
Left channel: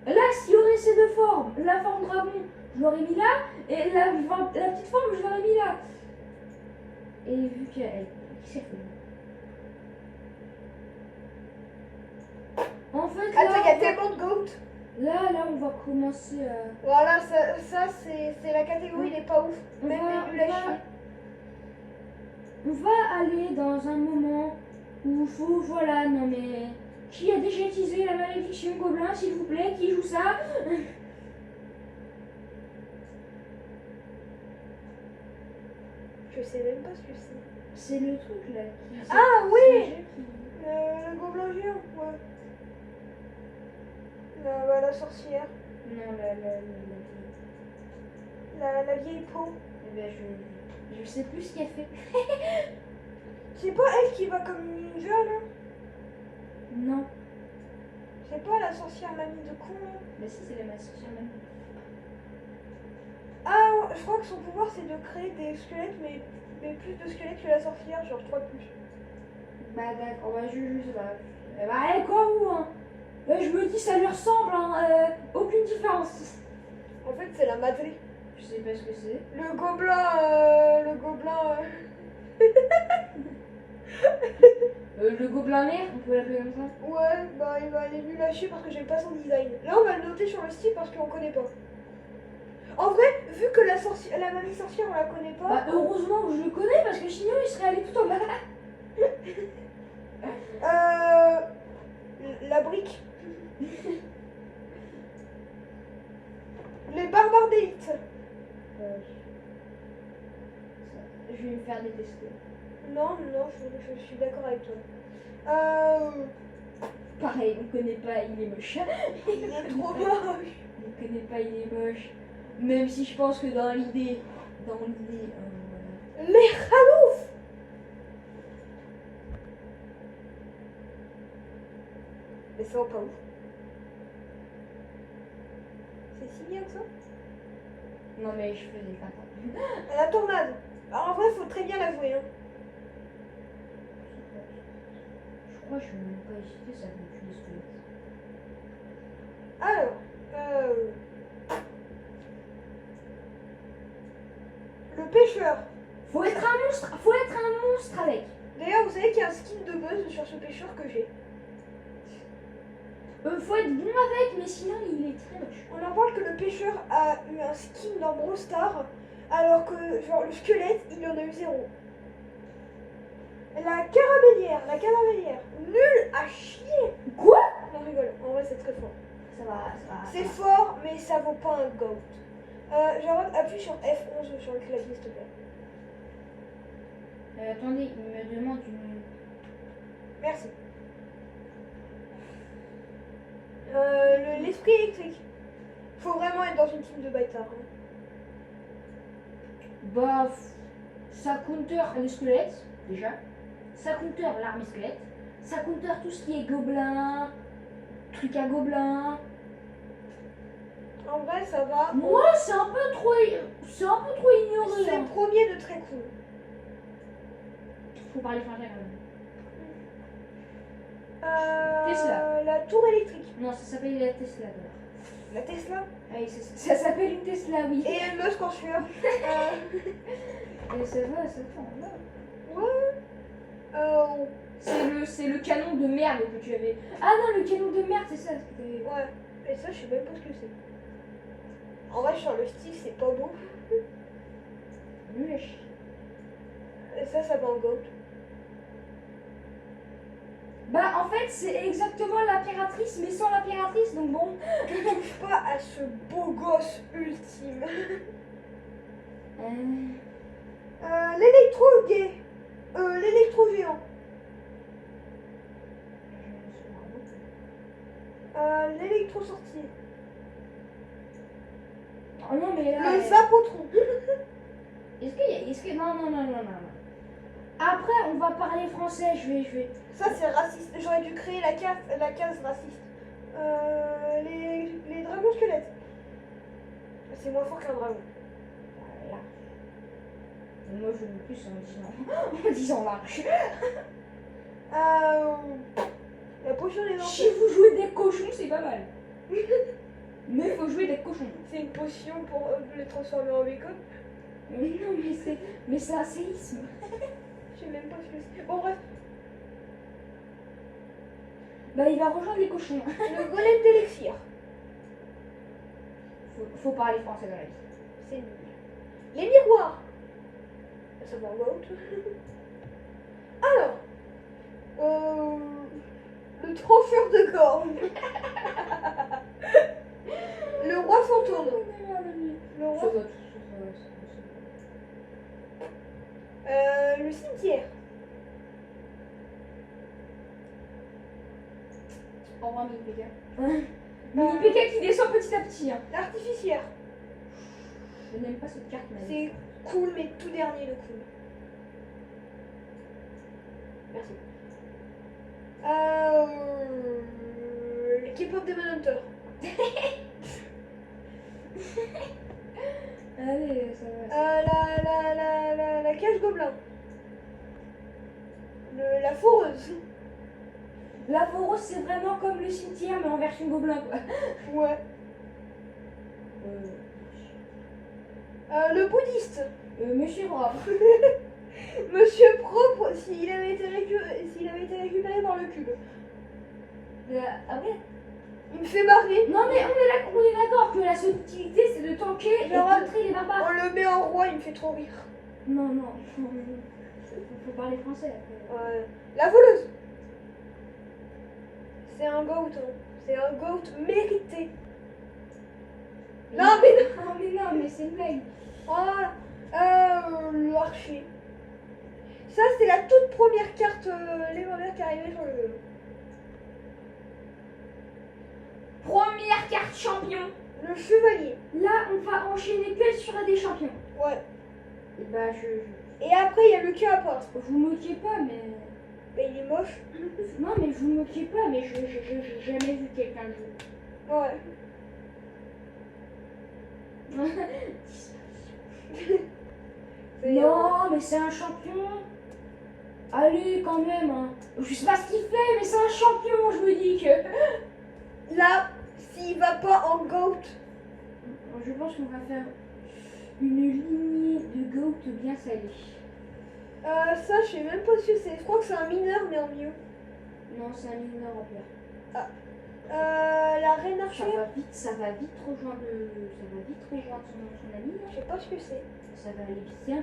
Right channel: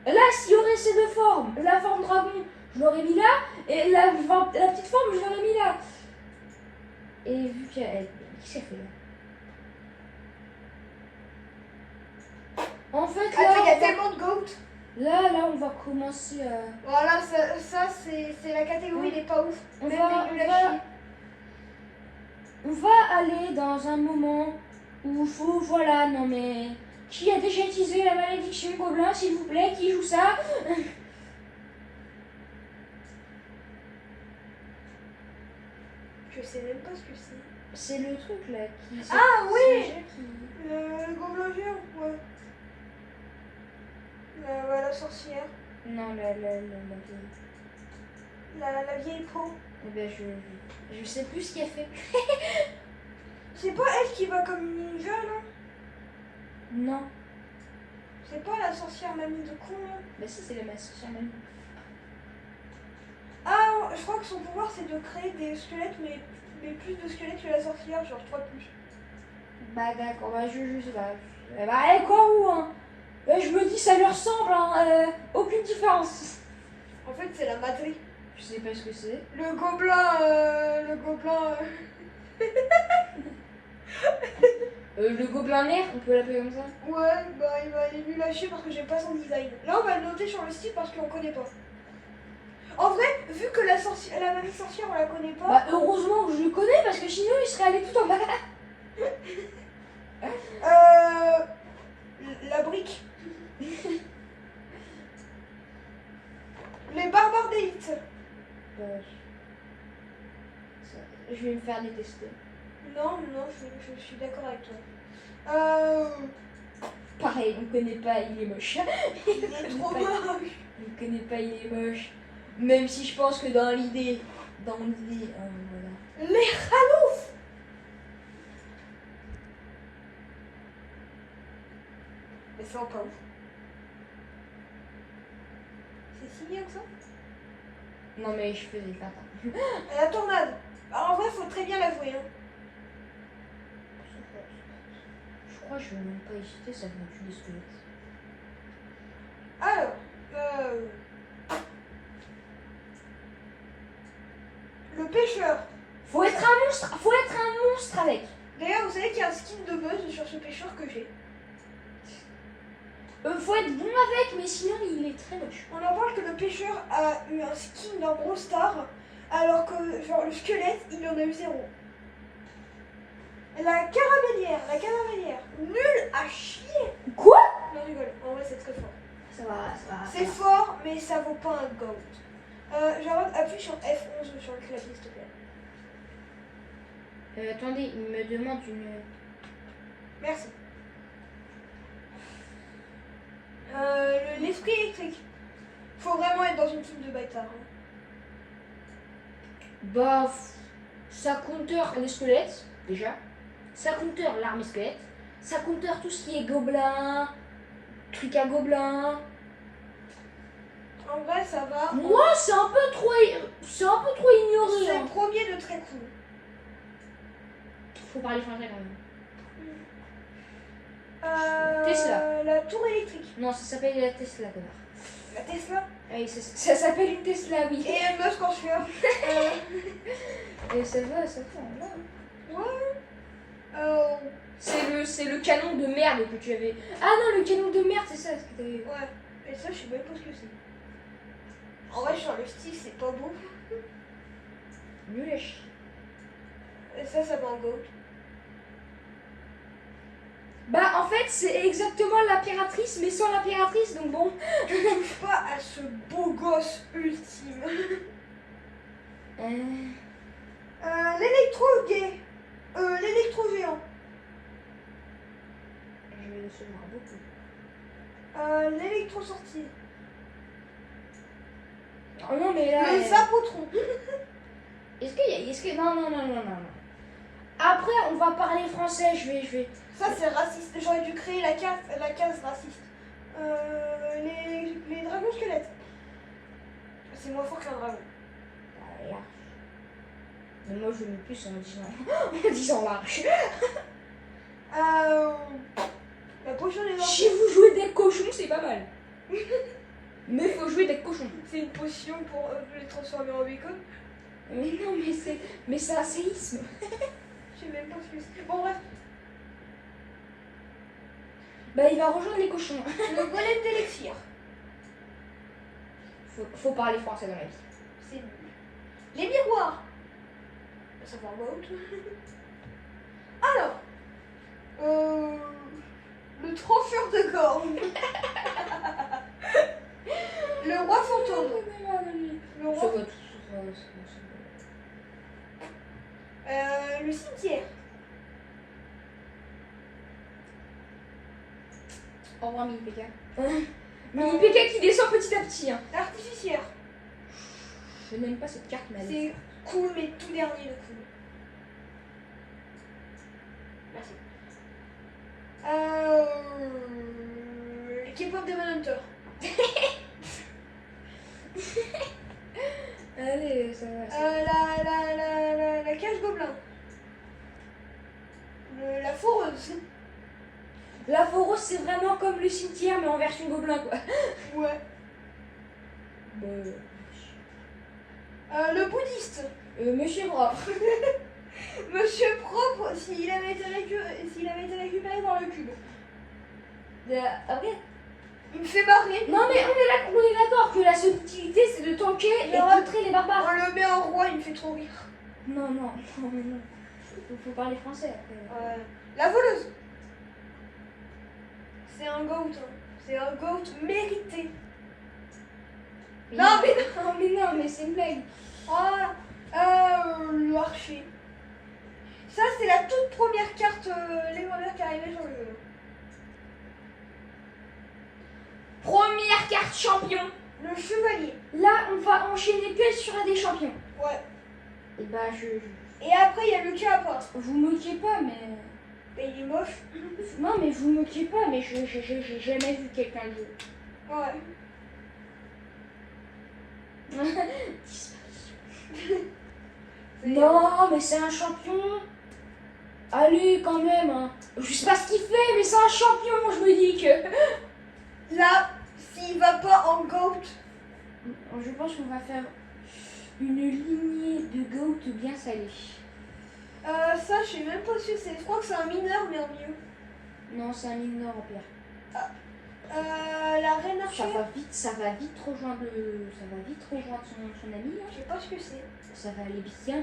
Là, s'il y aurait ces 2 formes, la forme dragon, je l'aurais mis là, et la petite forme, je l'aurais mis là. Et vu qu'elle... Qu'est-ce qu'elle fait là? En fait, là, Attends, il y a tellement de goat. là, on va commencer à... Voilà, ça c'est la catégorie, n'est pas ouf. On Même va, les nuls à chier. on va aller dans un moment où il faut... Voilà, non mais... Qui a déjà utilisé la malédiction gobelin, s'il vous plaît? Qui joue ça? Je sais même pas ce que c'est. C'est le truc là qui... Ah c'est oui le jeu qui... Le gobelin géant, ouais. La sorcière. Non, La vieille peau. Eh ben, je sais plus ce qu'elle fait. C'est pas elle qui va comme une ninja là? Non. C'est pas la sorcière mamie de con là? Mais si, c'est la massacre même. Ah, je crois que son pouvoir c'est de créer des squelettes, mais plus de squelettes que la sorcière, genre 3 plus. Bah d'accord, bah je sais pas. Bah elle quoi où hein? Bah, je me dis ça lui ressemble, hein, aucune différence. En fait, c'est la Madri. Je sais pas ce que c'est. Le gobelin. Le gobelin nerf, on peut l'appeler comme ça? Ouais, bah il est nul à chier parce que j'aime pas son design. Là, on va le noter sur le style parce qu'on connaît pas. En vrai, vu que la mamie sorcière, on la connaît pas. Bah heureusement que je le connais parce que sinon il serait allé tout en bas. La brique. Les barbares d'élite. Je vais me faire détester. Non, je suis d'accord avec toi. Pareil, on connaît pas, il est moche. Il est trop moche. On connaît pas, il est moche. Même si je pense que dans l'idée, voilà. Les Khalouf. Mais c'est encore ouf. C'est signé comme ça? Non mais je faisais pas. La tornade. Alors, en vrai, faut très bien l'avouer. Hein. Je crois que je vais même pas hésiter, ça vient plus des squelettes. Alors, le pêcheur. Faut être un monstre avec. D'ailleurs, vous savez qu'il y a un skin de buzz sur ce pêcheur que j'ai. Faut être bon avec, mais sinon il est très moche. On en parle que le pêcheur a eu un skin dans Brawl Stars, alors que genre le squelette, il en a eu 0. La caramélière, nul à chier. Quoi? Non, je rigole, en vrai c'est très fort. Ça va. C'est fort, mais ça vaut pas un gold. Genre, appuie sur F11 sur le clavier, s'il te plaît. Attendez, il me demande une... Merci. L'esprit électrique. Faut vraiment être dans une team de bâtards. Hein. Bah, ça counter les squelettes, déjà. Ça counter l'armée squelette. Ça counter tout ce qui est gobelin, truc à gobelin. En vrai, ça va. Moi, c'est un peu trop ignoré. C'est Hein. le premier de très cool. Faut parler français quand même. Tesla. La tour électrique. Non, ça s'appelle la Tesla d'abord. La Tesla. Oui, ça s'appelle une Tesla, oui. Et Elon Musk en sueur. Et ça va, là. Ouais. C'est le canon de merde que tu avais. Ah non, le canon de merde, c'est ça ce que t'avais. Ouais. Et ça, je sais même pas ce que c'est. En vrai, sur le style, c'est pas beau. Nul à chier. Et ça va en goat. Bah, en fait, c'est exactement l'impératrice, mais sans l'impératrice, donc bon. Tu touches pas à ce beau gosse ultime. L'électro-gay. L'électro-géant. Je vais se voir beaucoup. L'électro-sortie. Oh non, mais là. Le zapotron. Est-ce que. Non. Après, on va parler français, je vais. Ça, c'est raciste. J'aurais dû créer la case raciste. Les dragons squelettes. C'est moins fort qu'un dragon. Mais moi, je mets plus en disant large. La potion des Si vous jouez des cochons, c'est pas mal. Mais il faut jouer des cochons. C'est une potion pour les transformer en bacon. Mais non, mais c'est un séisme. Je sais même pas ce que c'est. Bon, bref. Bah, il va rejoindre les cochons. Le golem d'élixir. Faut parler français dans la vie. C'est nul. Les miroirs. Ça va out. Alors. Le trancheur de cornes. Le roi fantôme. Le roi. Le cimetière. Au revoir, Mini PK. Mini PK qui descend petit à petit. Hein. L'artificière. Je n'aime pas cette carte, mais c'est cool, mais tout dernier de cool. Merci. Le K-pop Demon Hunter. Allez, ça va. La cage gobelin. La foreuse. La foreuse, c'est vraiment comme le cimetière, mais en version gobelin, quoi. Ouais. Le bouddhiste. Monsieur propre. Monsieur propre, s'il avait été récupéré par le cube. Après. Il me fait marrer. Non, mais on est d'accord que la subtilité, c'est de tanker et contrer les barbares. On le met en roi, il me fait trop rire. Non. Faut parler français. La voleuse. C'est un goat. Hein. C'est un goat mérité. Non, mais c'est une blague. le archer. Ça, c'est la toute première carte légendaire qui est arrivée sur le jeu. Première carte champion. Le chevalier. Là, on va enchaîner que sur un des champions. Ouais. Et bah, Et après, il y a le Kappa. vous moquez pas, mais. Bah, il est moche. Non, mais vous moquez pas, mais j'ai jamais vu quelqu'un le jouer. Ouais. Non, mais c'est un champion. Allez, quand même. Hein. Je sais pas ce qu'il fait, mais c'est un champion, je me dis que. Là, s'il va pas en GOAT. Je pense qu'on va faire une lignée de goat bien salée. Ça, je sais même pas ce que c'est. Je crois que c'est un mineur, mais en mieux. Non, c'est un mineur en pierre. La reine Ça archère. ça va vite rejoindre son ami. Je sais pas ce que c'est. Ça va aller bien.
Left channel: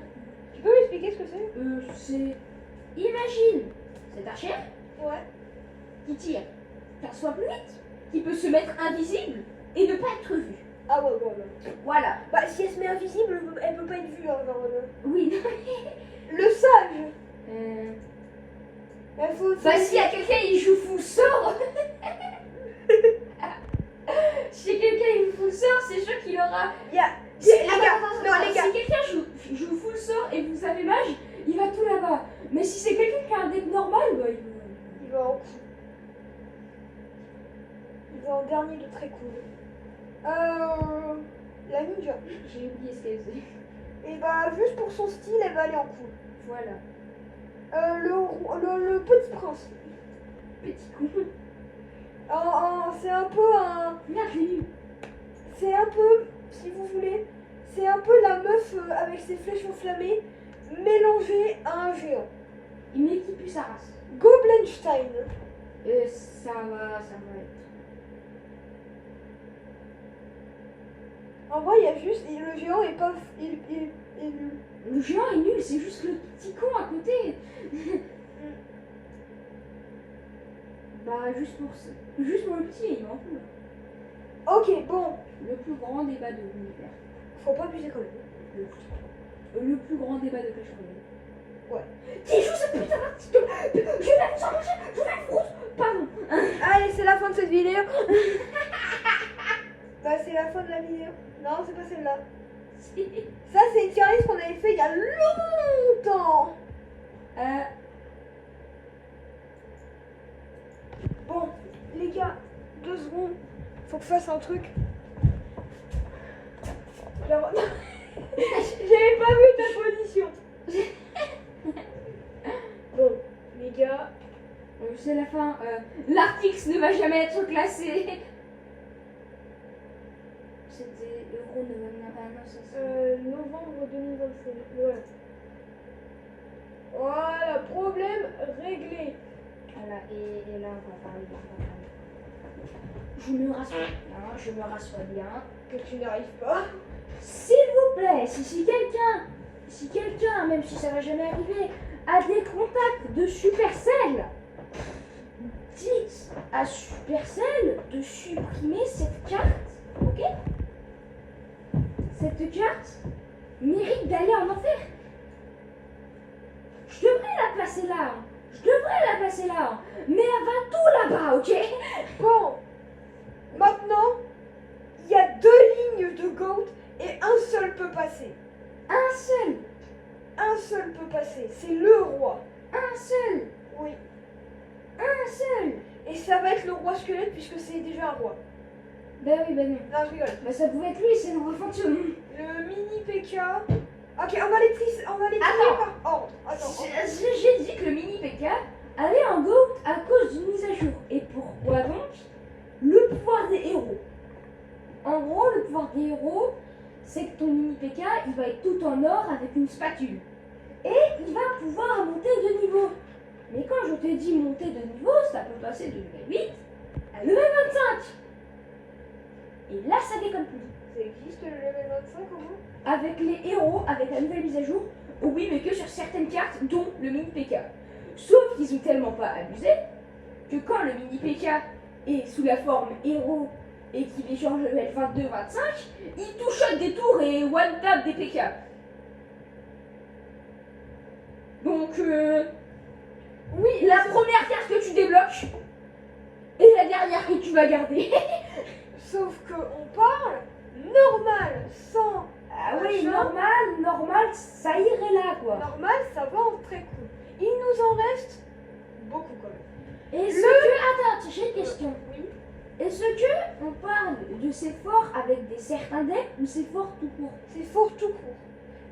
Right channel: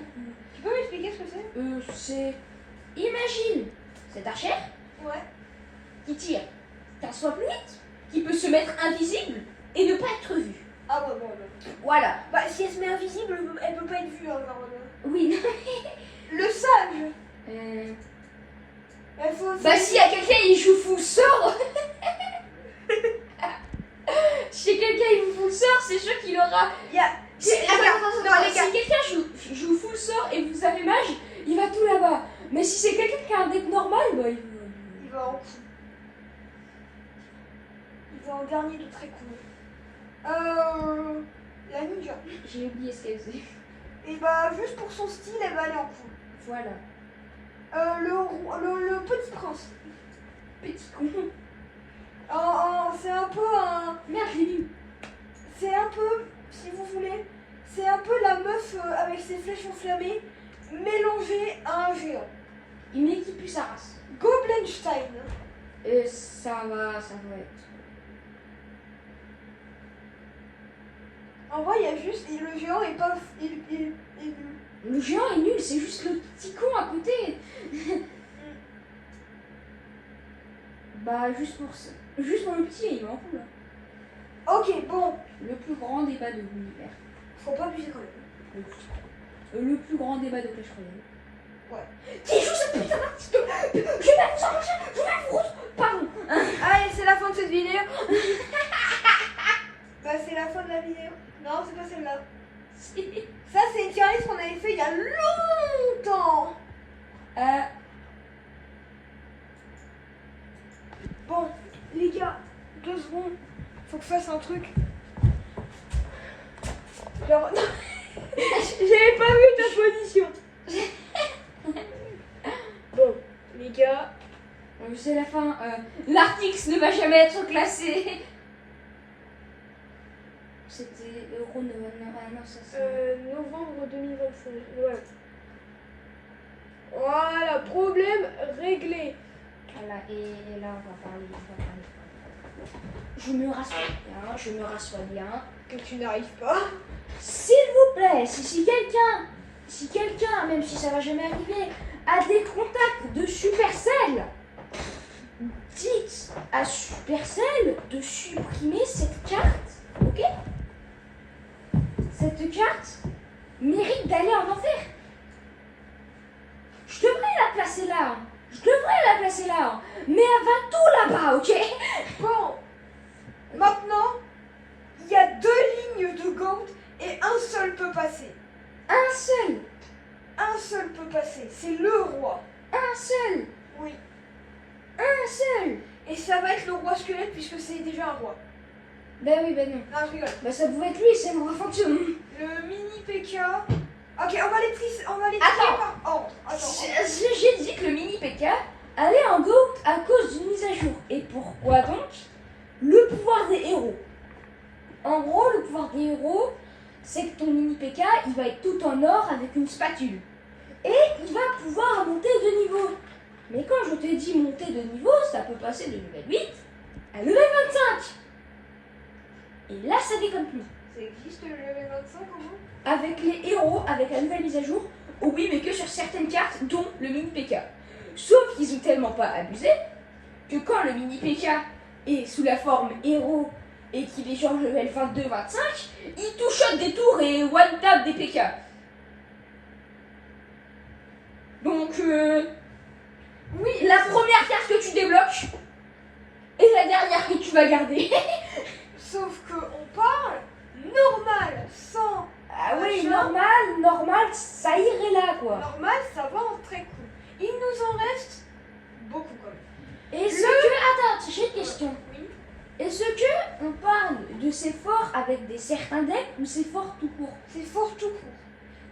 Tu peux m'expliquer ce que c'est? C'est. Imagine cet archer Ouais. qui tire 15 fois plus vite, qui peut se mettre invisible et ne pas être vu. Ah ouais, bon, non. Voilà. Bah, si elle se met invisible, elle peut pas être vue, hein, genre. Oui, non. Le sage. Il faut. Bah, s'il y a quelqu'un qui joue full sort. Si quelqu'un il joue full sort, c'est sûr qu'il aura. Il y a. Si, Les gars, non, les gars. Si quelqu'un joue full sort et vous avez mage, il va tout là-bas. Mais si c'est quelqu'un qui a un deck normal, bah il Il va en coup. Il va en dernier de très cool. La ninja. J'ai oublié ce qu'elle faisait. Et bah, juste pour son style, elle va aller en cool. Voilà. Le petit prince. Petit con. C'est un peu un. Merde, je l'ai vu. C'est un peu, si vous voulez, c'est un peu la meuf avec ses flèches enflammées mélangée à un géant. Une équipe plus sa race. Goblenstein. Ça va être. En vrai, il y a juste. Et le géant est pas. Il est nul. Le géant est nul, c'est juste le petit con à côté. Bah, juste pour ça. Juste pour le petit, il m'en fout là. Ok, bon. Le plus grand débat de l'univers. Faut pas abuser quand même. Le plus grand débat de Clash Royale. Ouais. Qui joue cette putain d'artiste. Je vais vous arracher, je vais vous. Pardon. Allez, c'est la fin de cette vidéo. Bah, c'est la fin de la vidéo. Non, c'est pas celle-là. Ça, c'est une tier list qu'on avait fait il y a longtemps. Bon, les gars, 2 secondes. Faut que je fasse un truc. Genre... J'avais pas vu ta position. Bon, les gars. C'est la fin. L'artix ne va jamais être classé. C'était Euro non, ça c'est. Novembre 2025. Ouais. Voilà, problème réglé. Voilà, et là on va parler. Je me rassois bien. Que tu n'arrives pas. S'il vous plaît, si quelqu'un, même si ça va jamais arriver, a des contacts de Supercell, dites à Supercell de supprimer cette carte, ok? Cette carte mérite d'aller en enfer. Je devrais la placer là, mais elle va tout là-bas, ok? Bon. Maintenant, il y a 2 lignes de GOAT et un seul peut passer. Un seul, Un seul peut passer. C'est le roi. un seul, Oui. un seul. Et ça va être le roi squelette puisque c'est déjà un roi. Ben oui, ben non. Non, je rigole. Bah ça pouvait être lui, c'est le roi fantôme. Le mini PK. Ok, on va les trier Attends. par ordre. Attends. J'ai dit que le mini PK allait en GOAT à cause d'une mise à jour. Et pourquoi donc? Le pouvoir des héros. En gros, le pouvoir des héros, c'est que ton mini PK, il va être tout en or avec une spatule. Et il va pouvoir monter de niveau. Mais quand je te dis monter de niveau, ça peut passer de level 8 à level 25. Et là, ça déconne plus. Ça existe le level 25 comment? Avec les héros, avec la nouvelle mise à jour, oh oui, mais que sur certaines cartes, dont le mini PK. Sauf qu'ils ont tellement pas abusé que quand le mini PK est sous la forme héros et qu'il est genre level 22-25, il touche des tours et one tap des PK. Donc, oui, la première carte que tu débloques et la dernière que tu vas garder. Sauf que on parle normal, sans Ah oui, normal, ça irait là, quoi. normal, ça va en très court. Il nous en reste beaucoup quand même. Est-ce que... Attends, j'ai une question. Oui. Est-ce que on parle de ces forts avec des certains decks ou ces forts tout court? C'est fort tout court.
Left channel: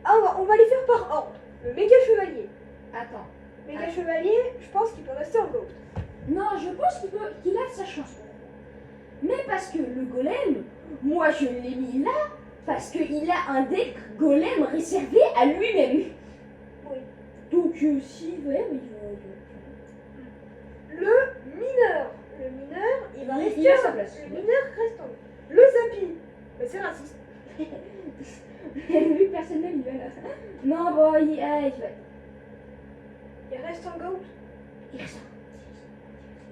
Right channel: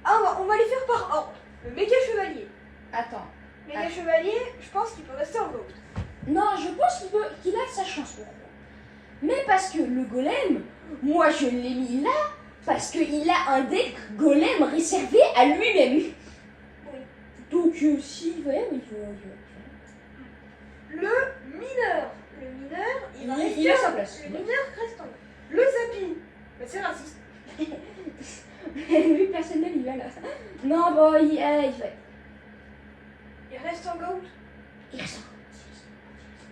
Ah, on va les faire par ordre. Le méga chevalier. Attends. Méga chevalier, je pense qu'il peut rester en gold. Non, je pense qu'il a sa chance. Mais parce que le golem, moi je l'ai mis là parce qu'il a un deck golem réservé à lui-même. Oui. Donc s'il va, il Le mineur. Le mineur, il va rester il a sa place. Le mineur reste en haut. Le zapping. Mais c'est raciste. Lui, personne ne l'y va là. Non, bon, il va. Il reste en gold. Il reste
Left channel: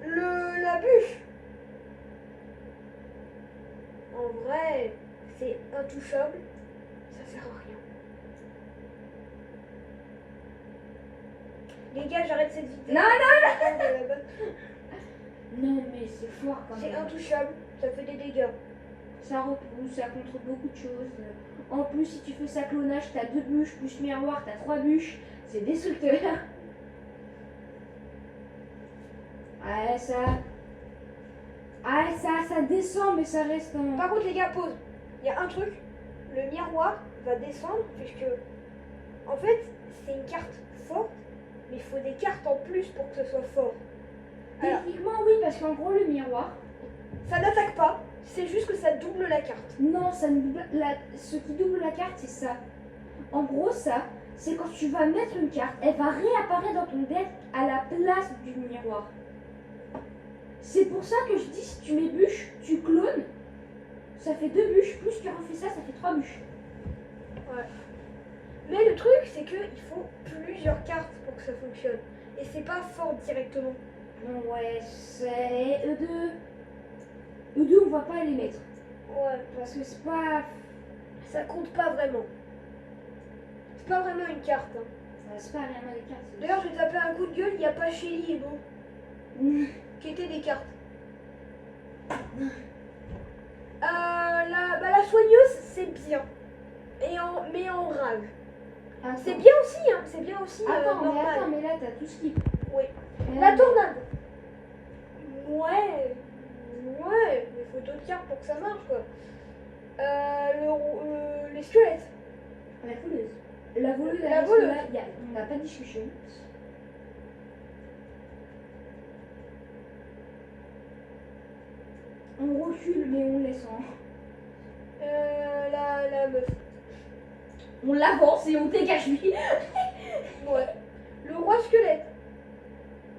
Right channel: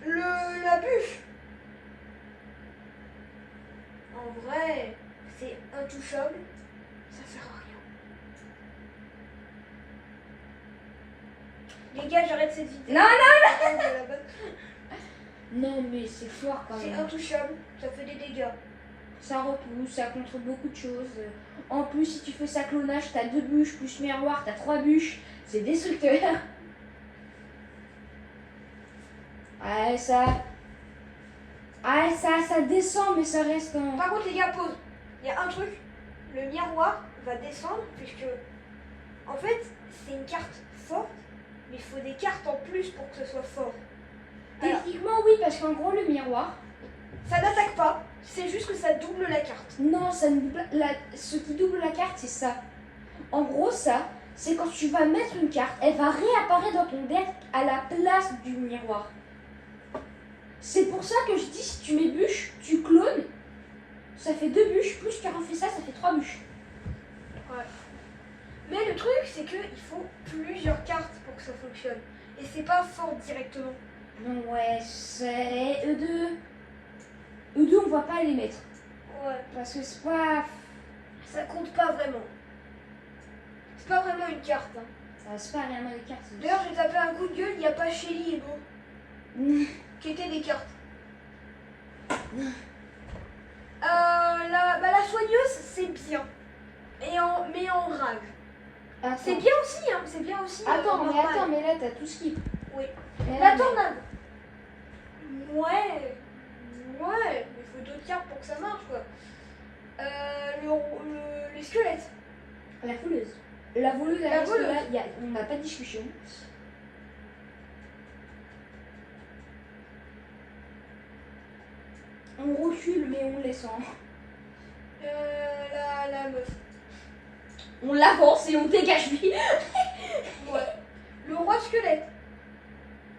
La bûche. En vrai, c'est intouchable. Ça sert à rien. Les gars, j'arrête cette vidéo. Non, non. Non, mais c'est fort quand C'est même. intouchable. Ça fait des dégâts. Ça repousse, ça contre beaucoup de choses. En plus, si tu fais ça clonage, t'as 2 bûches plus miroir, t'as 3 bûches. C'est destructeur. Ouais, ça descend, mais ça reste un... Par contre, les gars, pause. Il y a un truc. Le miroir va descendre puisque, en fait, c'est une carte forte, mais il faut des cartes en plus pour que ce soit fort. Alors, Techniquement, oui, parce qu'en gros, le miroir... ça n'attaque pas. C'est juste que ça double la carte. Non, ça ne double ce qui double la carte, c'est ça. En gros, ça, c'est quand tu vas mettre une carte, elle va réapparaître dans ton deck à la place du miroir. C'est pour ça que je dis, si tu mets bûche, tu clones, ça fait 2 bûches, plus tu refais ça, ça fait 3 bûches. Ouais. Mais le truc, c'est qu'il faut plusieurs cartes pour que ça fonctionne. Et c'est pas fort directement. Ouais, c'est eux deux, on va pas les mettre. Ouais. Parce que c'est pas... Ça compte pas vraiment. C'est pas vraiment une carte. Hein. C'est pas vraiment des cartes. D'ailleurs, j'ai tapé un coup de gueule, il n'y a pas Shelly et Beau. Qui étaient des cartes. La soigneuse, c'est bien. Mais en rage. Attends. C'est bien aussi, hein. C'est bien aussi. Attends, mais là, t'as tout ce qui... Oui. Mais La là, tornade. Ouais. Mais il faut d'autres cartes pour que ça marche, quoi. Les squelettes. La voleuse. La voleuse, La voleuse. là, on n'a pas de discussion. On recule, mais on laisse en... La meuf. On l'avance et on dégage lui. Ouais. Le roi squelette.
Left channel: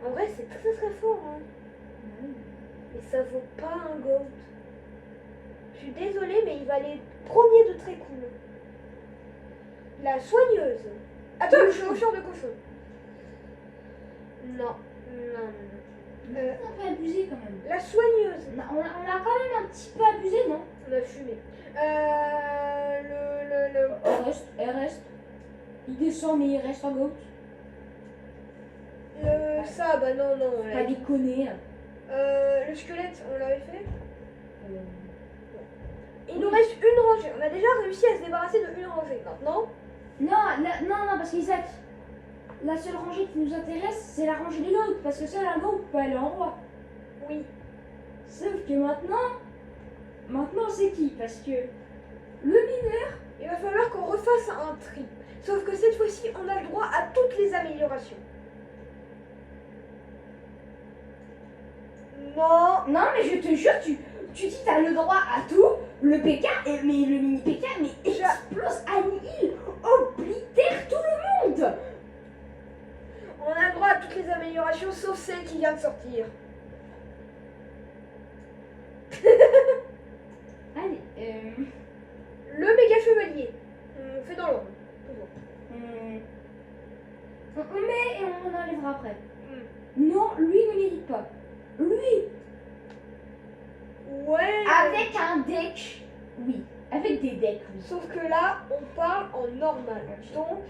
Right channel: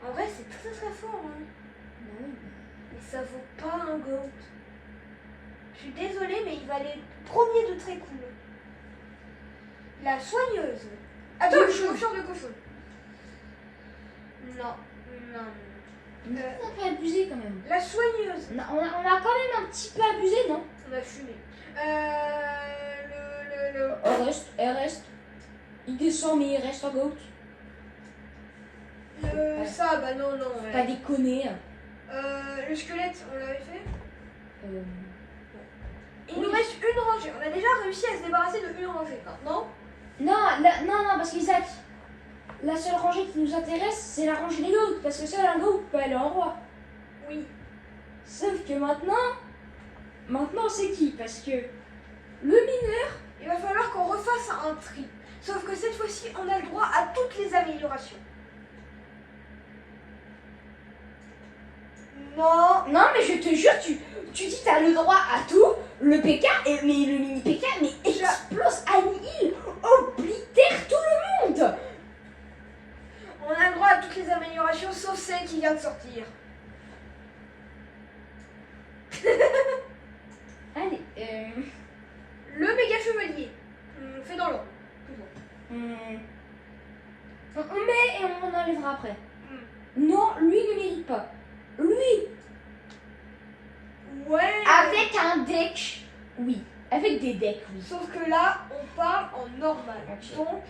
En vrai, c'est très très fort, hein. Mais ça vaut pas un gold. Je suis désolée, mais il va aller premier de très cool. La soigneuse. Attends, le chevaucheur de cochon. Non. On a pas abusé quand même. La soigneuse. On a quand même un petit peu abusé, non? On a fumé. Elle reste. Il descend, mais il reste en goat. Ça, bah non. Pas déconner. Le squelette, on l'avait fait. Oui. Il nous reste une rangée. On a déjà réussi à se débarrasser de une rangée maintenant. Non, parce qu'Isaac, la seule rangée qui nous intéresse, c'est la rangée des goats. Parce que seul un goat peut aller en roi. Oui. Sauf que maintenant c'est qui? Parce que le mineur, Il va falloir qu'on refasse un tri. Sauf que cette fois-ci, on a le droit à toutes les améliorations. Non, mais je te jure, tu dis t'as le droit à tout, le PK, mais le mini PK, mais explose, annihile, oblitère tout le monde. on a le droit à toutes les améliorations sauf celle qui vient de sortir. Allez, Le méga chevalier. On fait dans l'ordre. on met et on enlèvera après. Hmm. Non, lui ne mérite pas. Lui, Ouais. avec un deck, oui. Avec des decks, oui. Sauf que là, on parle en normal. Donc,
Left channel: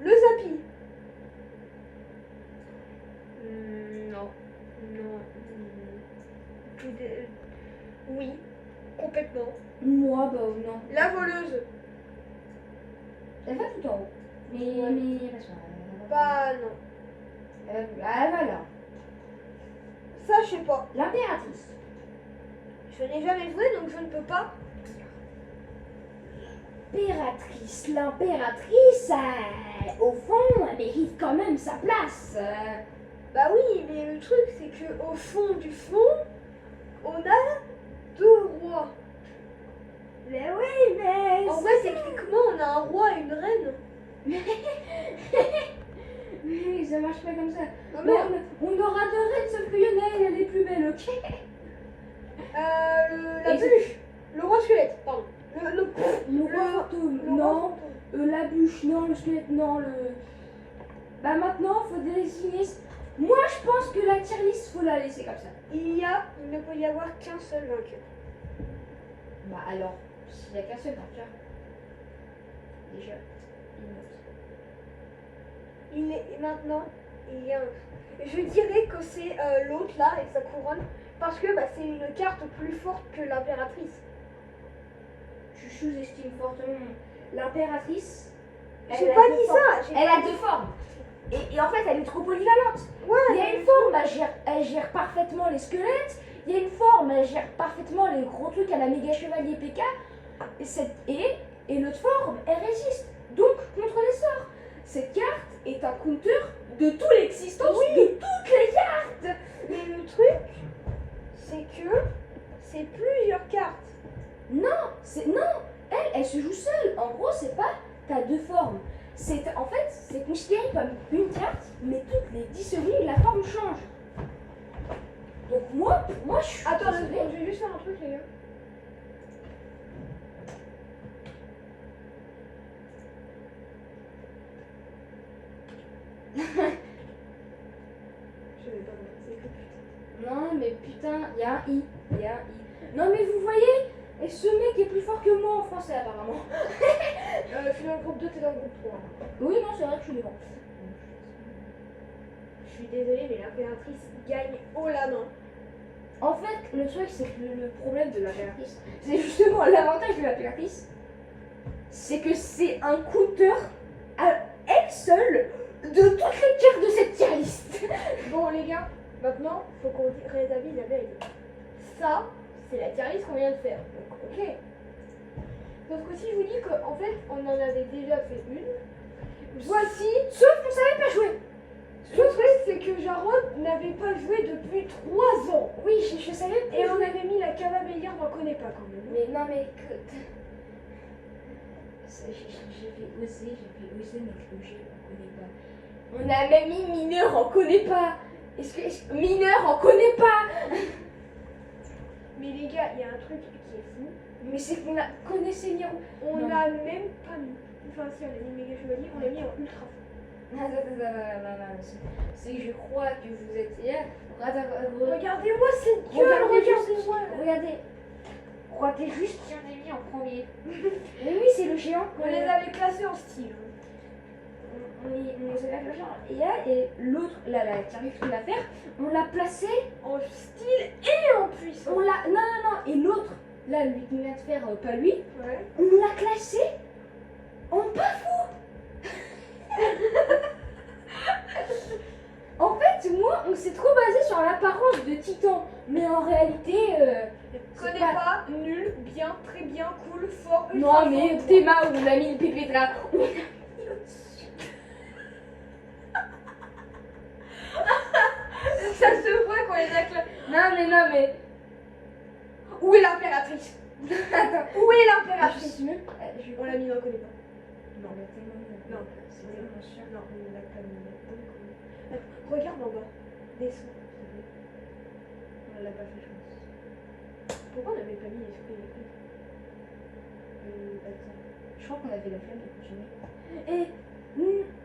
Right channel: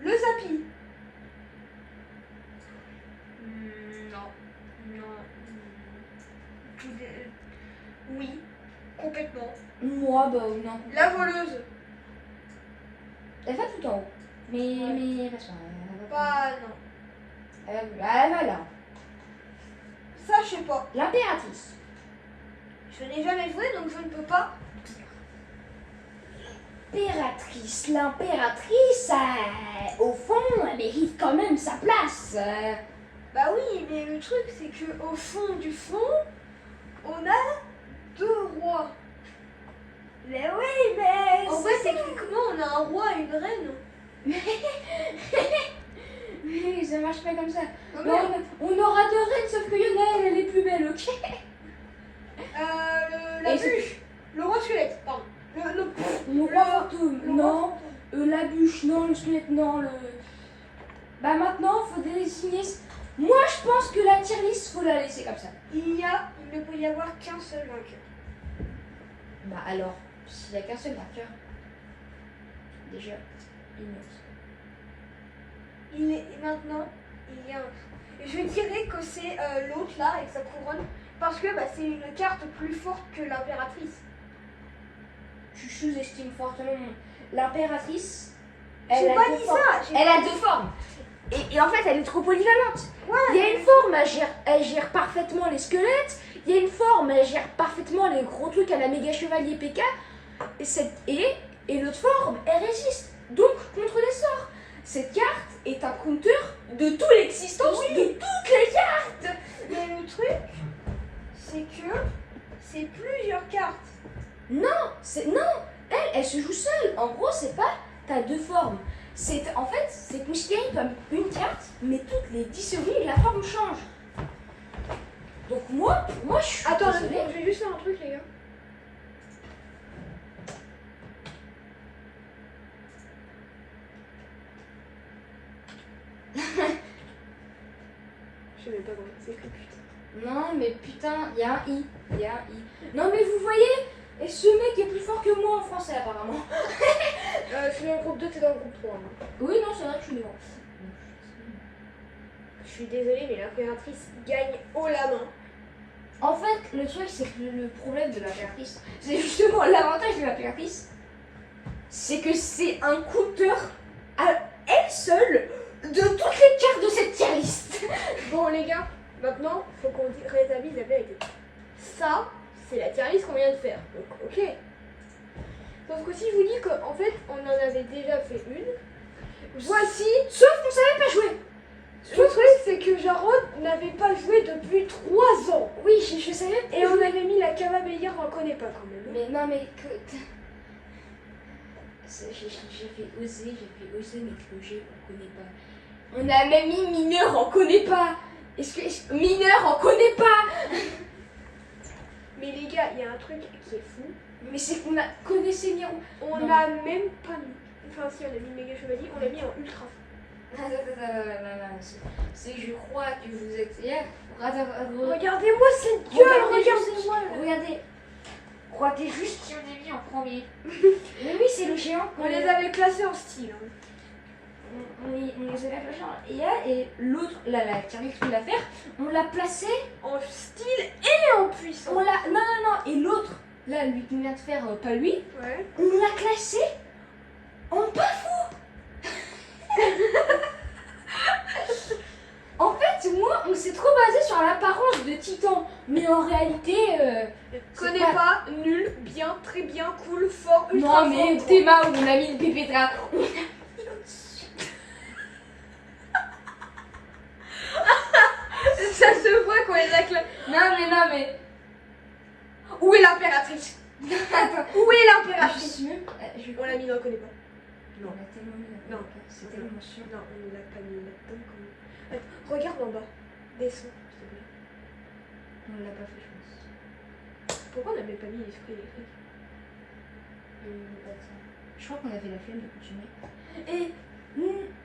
le zapping. Non. Non. Oui, complètement. Moi, bah non. La voleuse. Elle va tout en haut. Mais, Ouais. mais, parce que, Bah non. voilà. Ça, je sais pas. L'impératrice. Je n'ai jamais joué, donc je ne peux pas. L'impératrice, au fond, elle mérite quand même sa place. Bah oui, mais le truc, c'est que au fond du fond, on a 2 rois. Mais oui, mais... En vrai, techniquement, on a un roi et une reine. Mais ça marche pas comme ça. Non, Mais mais, on aura 2 reines, sauf qu'il y en a elle est plus belle, ok? la Et bûche. Le roi squelette, pardon. Mon roi fantôme, non. La bûche, non. Le squelette, non. Bah maintenant, faut désigner... Moi, je pense que la tier list, faut la laisser comme ça. Il ne peut y avoir qu'un seul vainqueur. Bah alors, s'il n'y a qu'un seul vainqueur, déjà, il note. Maintenant, il y a un. Je dirais que c'est l'autre là avec sa couronne parce que bah, c'est une carte plus forte que l'impératrice. Tu sous-estimes fortement l'impératrice. J'ai pas dit ça. Elle a 2 formes. Et en fait, elle est trop polyvalente. Ouais. Il y a une forme, elle gère parfaitement les squelettes. Il y a une forme, elle gère parfaitement les gros trucs à la méga chevalier PK. Et l'autre forme, elle résiste. Donc, contre les sorts. Cette carte est un counter de toute l'existence de toutes les cartes. Mais le truc, c'est que c'est plusieurs cartes. Non, elle se joue seule. En gros, c'est pas t'as 2 formes. En fait, c'est considéré comme une carte, mais toutes les 10 secondes, la forme change. Donc moi je suis Attends, désolée. je vais juste faire un truc, les gars. Je sais même pas comment c'est écrit, putain. Non, mais putain, il y a un I. Non, mais vous voyez, et ce mec est plus fort que moi en français, apparemment. Je suis dans le groupe 2, t'es dans le groupe 3. hein. Oui, non, c'est vrai que je suis devant. Je suis désolée, mais l'impératrice gagne haut la main. En fait, le truc, c'est que le problème de l'impératrice, c'est justement l'avantage de l'impératrice, c'est que c'est un counter à elle seule de toutes les cartes de cette tier list. Bon, les gars, maintenant, faut qu'on rétablisse la vérité. Ça, c'est la tier list qu'on vient de faire. Donc, ok. Sauf que si je vous dis qu'en fait, on en avait déjà fait une, voici. Sauf qu'on savait pas jouer. Le truc, c'est que Jarod n'avait pas joué depuis 3 ans. Oui, je savais pas Et on jouer. avait mis la camabélière, on la connaît pas quand même. Mais non, mais que... J'ai fait oser, mais que le G, on connaît pas. On a même mis mineur, on connaît pas. Mineur, on connaît pas. Mais les gars, il y a un truc qui est fou. Mais c'est qu'on a connaissé Niro. On Non. n'a même pas mis. Enfin, si, on a mis méga chevalier, on l'a mis en ultra fou. Non, c'est je crois que vous êtes... Regardez-moi cette gueule, Regardez. Regardez juste qui on a mis en premier. Mais oui, c'est le géant. On les avait classés en style. hein. On les avait placés et l'autre, la carrière qu'on va faire, on l'a placé. En style et en puissance. Non. Et l'autre, là, lui qui vient de faire, pas lui, Ouais. on l'a classé en pas fou. En fait, moi, on s'est trop basé sur l'apparence de Titan. Mais en réalité, c'est Connais pas, nul, bien, très bien, cool, fort, ultra non, fort. mais Théma, où on a mis le pépétra. On a mis au-dessus. Ça se voit quand il a classé. Non, mais. Où est l'impératrice? Attends. Où est Je l'impératrice? suis mieux. On l'a mis, on la connaît pas. Non, on l'a tellement mis. Non. C'est tellement sûr. Non, on l'a pas mis là-dedans quand même. Attends, regarde en bas. Descends, s'il te plaît. On l'a pas fait, je pense. Pourquoi on n'avait pas mis l'esprit électrique? Attends. Je crois qu'on avait la flemme de continuer. Et.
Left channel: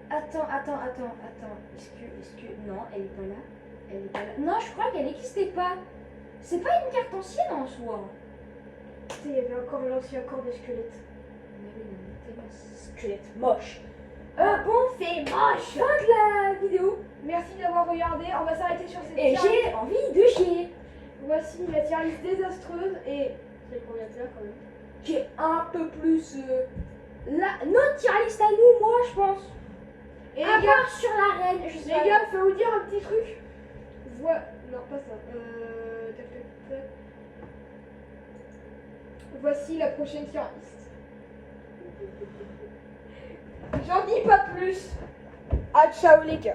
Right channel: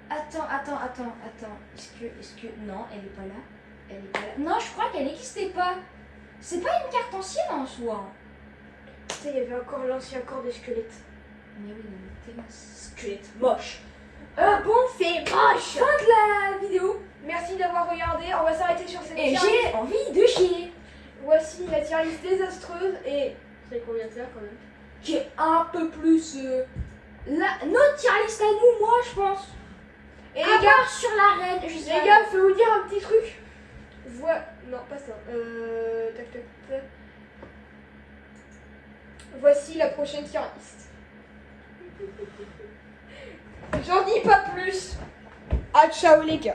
Attends. Est-ce que. Non, elle est pas là. Non, je crois qu'elle n'existait pas. C'est pas une carte ancienne en soi. Tu sais, il y avait encore l'ancien corps de squelette. Mais oui, non, mais tellement squelette moche. Bon, C'est moche. fin de la vidéo. Merci d'avoir regardé. On va s'arrêter sur cette Et tier list. j'ai envie de chier. Voici la tier list désastreuse et... C'est combien de faire quand même? Qui est un peu plus... notre tier list à nous, moi, je pense. Et À les gars, part sur la reine, je sais les pas. gars, je vais vous dire un petit truc. Voilà. Non, pas ça. Tac, tac, tac. Voici la prochaine tier list. J'en dis pas plus. Ah, ciao les gars.